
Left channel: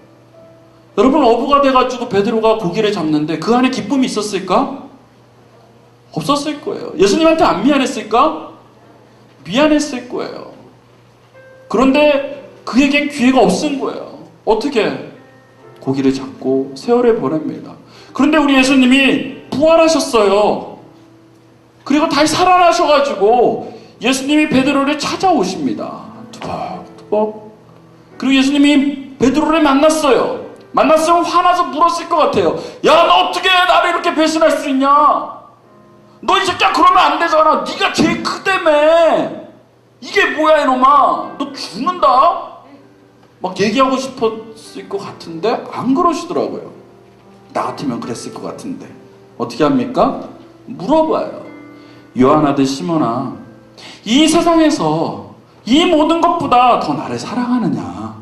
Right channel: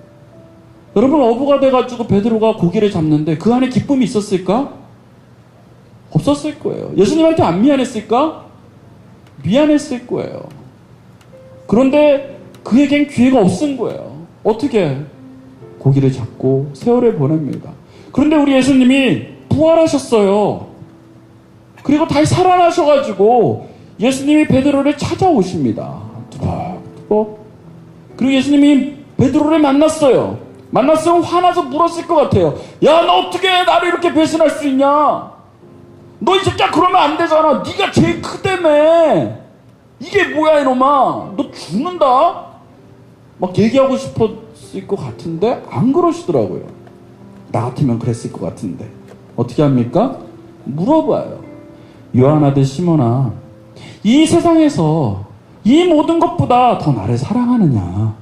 여러분, 어부가 돼가지고 베드로가 고기를 잡는데 그 안에 기쁨이 있었을까? 없었을 거예요. 예수님한테 안 미안했을까? 미안했을 거예요. 그런데 그에겐 기회가 없은 거예요. 어떻게? 고기를 잡고 세월을 보냅니다. 그런데 우리 예수님이 부활하셨어요. 그리고 다시 살아나셔가지고 예수님이 베드로를 찾아오십니다. 뚜벅뚜벅. 그리고 예수님이 베드로를 만났어요. 만났으면 화나서 물었을 것 같아요. 야, 너 어떻게 나를 이렇게 배신할 수 있냐? 너 이 새끼야 그러면 안 되잖아. 네가 제일 크다며. 이게 뭐야 이놈아. 너 죽는다? 막 얘기하고 싶었을 것 같은데 안 그러시더라고요. 나 같으면 그랬을 것 같은데. 어떻게 합니까? 물어봐요. 요한 아들 시몬아, 이 세상에서 이 모든 것보다 더 나를 사랑하느냐?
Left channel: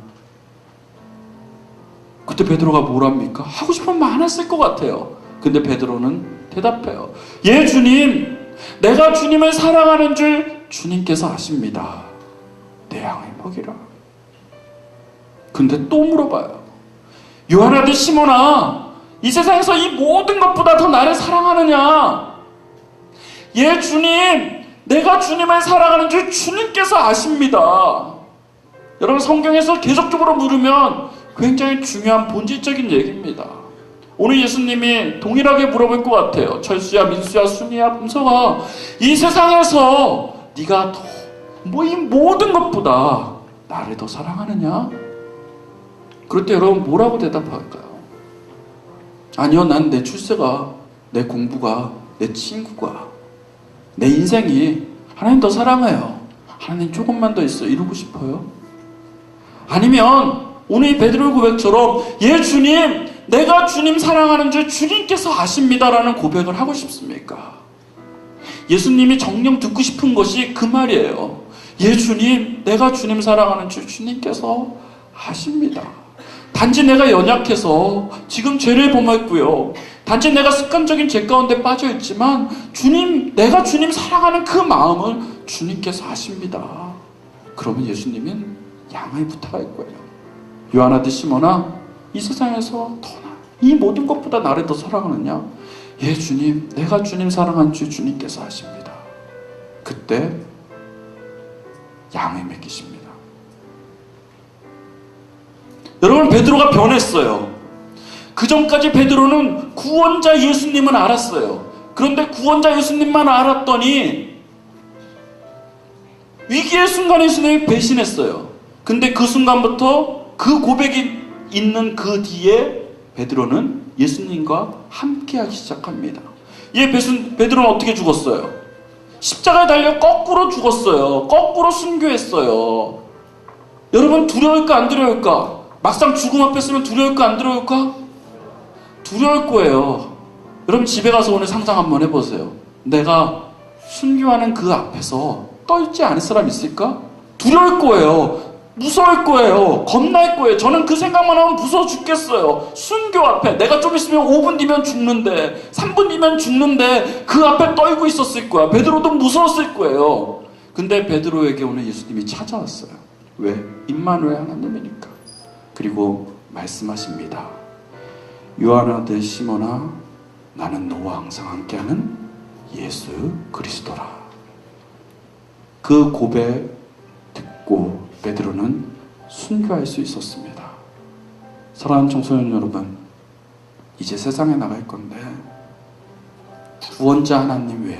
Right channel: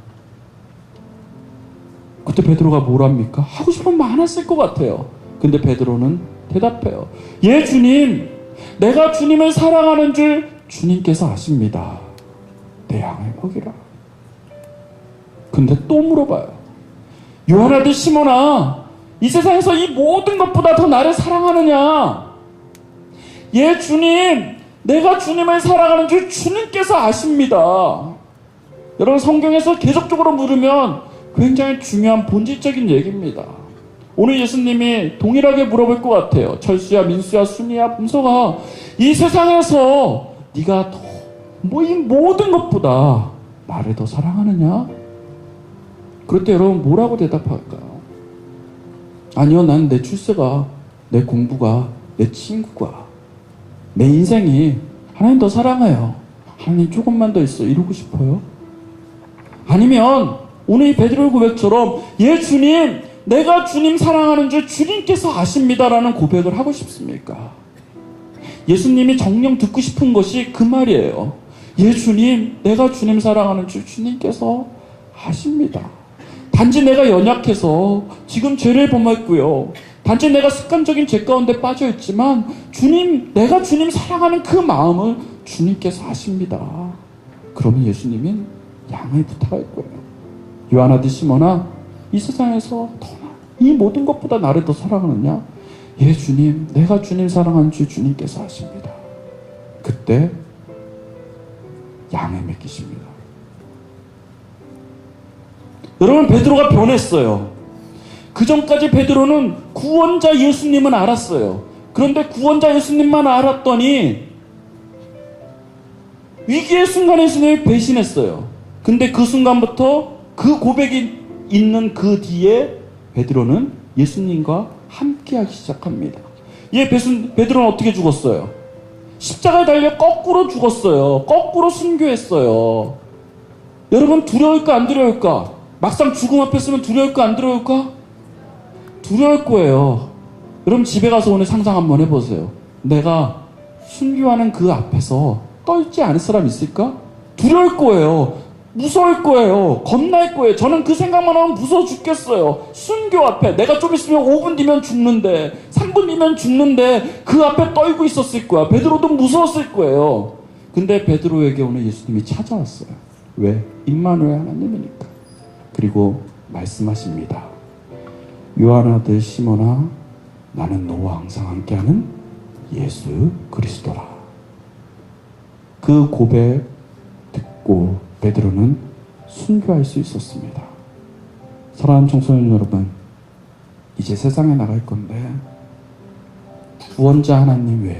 그때 베드로가 뭘 합니까? 하고 싶은 말 안 했을 것 같아요. 근데 베드로는 대답해요. 예, 주님, 내가 주님을 사랑하는 줄 주님께서 아십니다. 내 양을 먹이라. 근데 또 물어봐요. 요한 아들 시몬아, 이 세상에서 이 모든 것보다 더 나를 사랑하느냐? 예, 주님, 내가 주님을 사랑하는 줄 주님께서 아십니다. 여러분, 성경에서 계속적으로 물으면 굉장히 중요한 본질적인 얘기입니다. 오늘 예수님이 동일하게 물어볼 것 같아요. 철수야, 민수야, 수미야, 금서가 이 세상에서 네가 뭐 이 모든 것보다 나를 더 사랑하느냐? 그럴 때 여러분 뭐라고 대답할까요? 아니요, 난 내 출세가, 내 공부가, 내 친구가, 내 인생이 하나님 더 사랑해요. 하나님 조금만 더 있어. 이러고 싶어요? 아니면 오늘 이 베드로의 고백처럼 예, 주님, 내가 주님 사랑하는 줄 주님께서 아십니다라는 고백을 하고 싶습니까? 예수님이 정녕 듣고 싶은 것이 그 말이에요. 예, 주님, 내가 주님 사랑하는 줄 주님께서 아십니다. 단지 내가 연약해서 지금 죄를 범했고요. 단지 내가 습관적인 죄 가운데 빠져있지만 주님, 내가 주님 사랑하는 그 마음을 주님께서 아십니다. 그러면 예수님은 양을 부탁할 거예요. 요한 아들 시몬아, 이 세상에서 이 모든 것보다 나를 더 사랑하느냐? 예, 주님, 내가 주님 사랑한 줄 주님께서 아십니다. 그때 양을 맡기십니다. 여러분, 베드로가 변했어요. 그 전까지 베드로는 구원자 예수님은 알았어요. 그런데 구원자 예수님만 알았더니 위기의 순간에 예수님이 배신했어요. 근데 그 순간부터 그 고백이 있는 그 뒤에 베드로는 예수님과 함께하기 시작합니다. 베드로는 어떻게 죽었어요? 십자가에 달려 거꾸로 죽었어요. 거꾸로 순교했어요. 여러분, 두려울까 안 두려울까? 막상 죽음 앞에 서면 두려울까 안 두려울까? 두려울 거예요. 여러분, 집에 가서 오늘 상상 한번 해보세요. 내가 순교하는 그 앞에서 떨지 않을 사람 있을까? 두려울 거예요. 무서울 거예요. 겁날 거예요. 저는 그 생각만 하면 무서워 죽겠어요. 순교 앞에 내가 좀 있으면 5분 뒤면 죽는데 3분 뒤면 죽는데 그 앞에 떨고 있었을 거야. 베드로도 무서웠을 거예요. 근데 베드로에게 오늘 예수님이 찾아왔어요. 왜? 임마누엘 하나님이니까. 그리고 말씀하십니다. 요한 아들 시몬아, 나는 너와 항상 함께하는 예수 그리스도라. 그 고백 듣고 베드로는 순교할 수 있었습니다. 사랑하는 청소년 여러분, 이제 세상에 나갈 건데 구원자 하나님 외에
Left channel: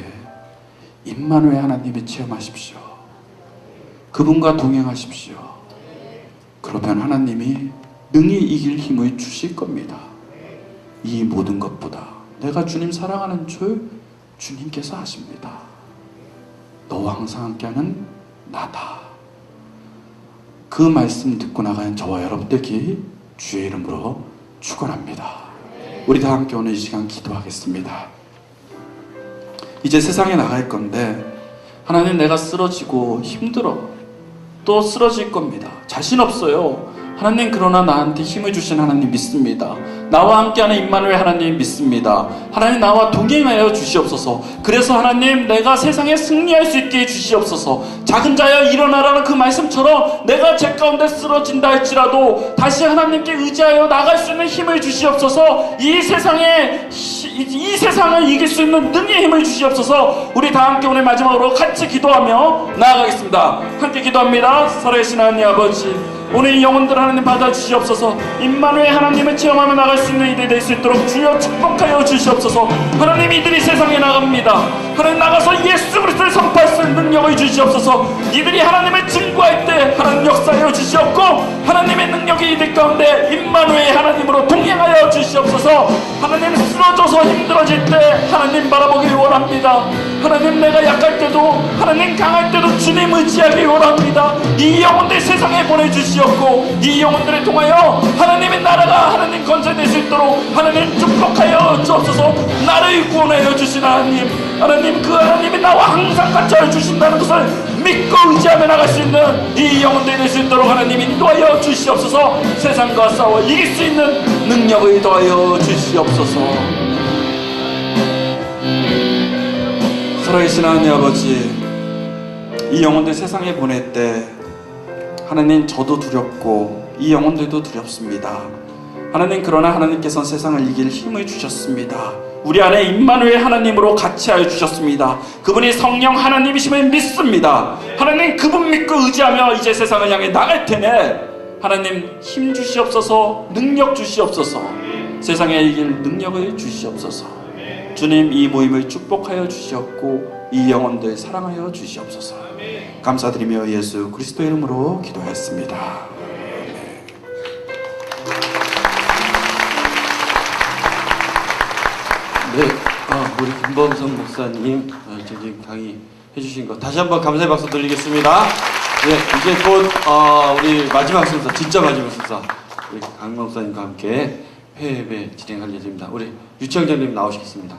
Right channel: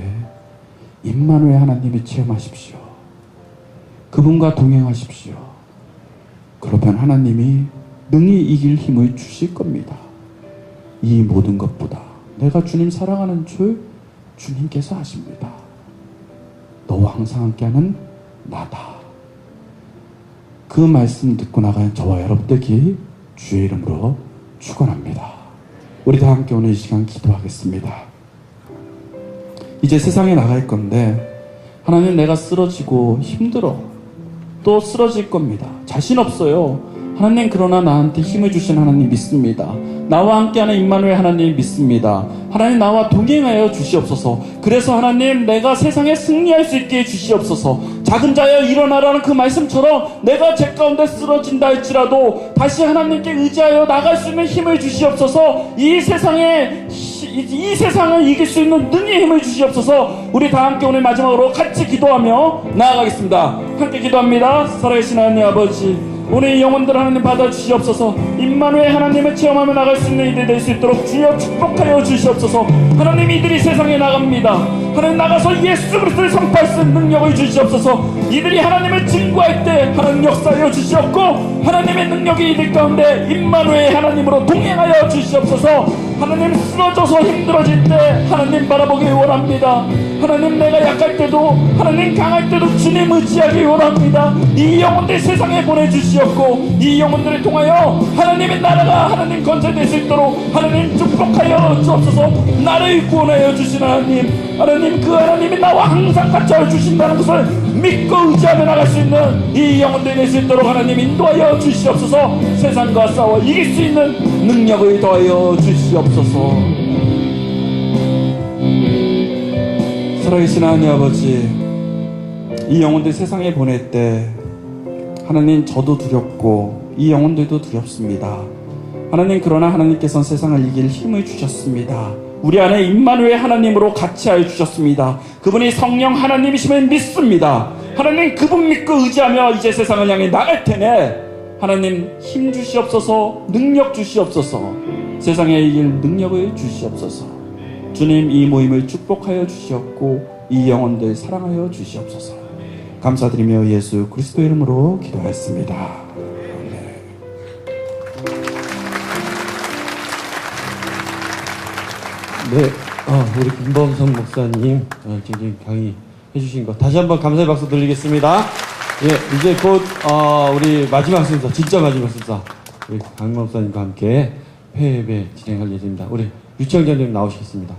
임마누엘 하나님을 체험하십시오. 그분과 동행하십시오. 그러면 하나님이 능히 이길 힘을 주실 겁니다. 이 모든 것보다 내가 주님 사랑하는 줄 주님께서 아십니다. 너와 항상 함께하는 나다. 그 말씀 듣고 나가는 저와 여러분 되기 주의 이름으로 축원합니다. 우리 다 함께 오늘 이 시간 기도하겠습니다. 이제 세상에 나갈 건데 하나님, 내가 쓰러지고 힘들어. 또 쓰러질 겁니다. 자신 없어요. 하나님, 그러나 나한테 힘을 주신 하나님 믿습니다. 나와 함께하는 임마누엘 하나님 믿습니다. 하나님, 나와 동행하여 주시옵소서. 그래서 하나님, 내가 세상에 승리할 수 있게 주시옵소서. 작은 자여 일어나라는 그 말씀처럼 내가 제 가운데 쓰러진다 할지라도 다시 하나님께 의지하여 나갈 수 있는 힘을 주시옵소서. 이 세상을 이길 수 있는 능의 힘을 주시옵소서. 우리 다 함께 오늘 마지막으로 같이 기도하며 나아가겠습니다. 함께 기도합니다. 살아계신 하나님 아버지, 오늘 이 영혼들 하나님 받아주시옵소서. 임마누엘 하나님을 체험하며 나갈 수 있는 이들이 될 수 있도록 주여 축복하여 주시옵소서. 하나님, 이들이 세상에 나갑니다. 하나님, 나가서 예수 그리스도를 선포할 수 있는 능력을 주시옵소서. 이들이 하나님을 증거할 때 하나님 역사하여 주시옵고, 하나님의 능력이 이들 가운데 임마누엘 하나님으로 동행하여 주시옵소서. 하나님, 쓰러져서 힘들어질 때 하나님 바라보길 원합니다. 하나님, 내가 약할 때도 하나님 강할 때도 주님 의지하길 원합니다. 이 영혼들 세상에 보내주시옵고, 이 영혼들을 통하여 하나님의 나라가 하나님 건설될 수 있도록 하나님 축복하여 주옵소서. 나를 구원하여 주신 하나님, 하나님, 그 하나님이 나와 항상 같이 하여 주신다는 것을 믿고 의지하며 나갈 수 있는 이 영혼들이 될 수 있도록 하나님 인도하여 주시옵소서. 세상과 싸워 이길 수 있는 능력을 더하여 주시옵소서. 살아계신 하나님 아버지, 이 영혼들 세상에 보낼 때 하나님, 저도 두렵고 이 영혼들도 두렵습니다. 하나님, 그러나 하나님께서는 세상을 이길 힘을 주셨습니다. 우리 안에 임마누엘 하나님으로 같이 하여 주셨습니다. 그분이 성령 하나님이심을 믿습니다. 하나님, 그분 믿고 의지하며 이제 세상을 향해 나갈 테네. 하나님, 힘 주시옵소서. 능력 주시옵소서. 세상에 이길 능력을 주시옵소서. 주님, 이 모임을 축복하여 주시옵고 이 영혼들 사랑하여 주시옵소서. 감사드리며 예수 그리스도 이름으로 기도하였습니다. 네, 우리 김범성 목사님 저기 강의 해주신 거 다시 한번 감사의 박수 드리겠습니다. 네, 이제 곧 우리 마지막 순서, 진짜 마지막 순서, 우리 강 목사님과 함께 회예배 진행할 예정입니다. 우리 유치원장님 나오시겠습니다.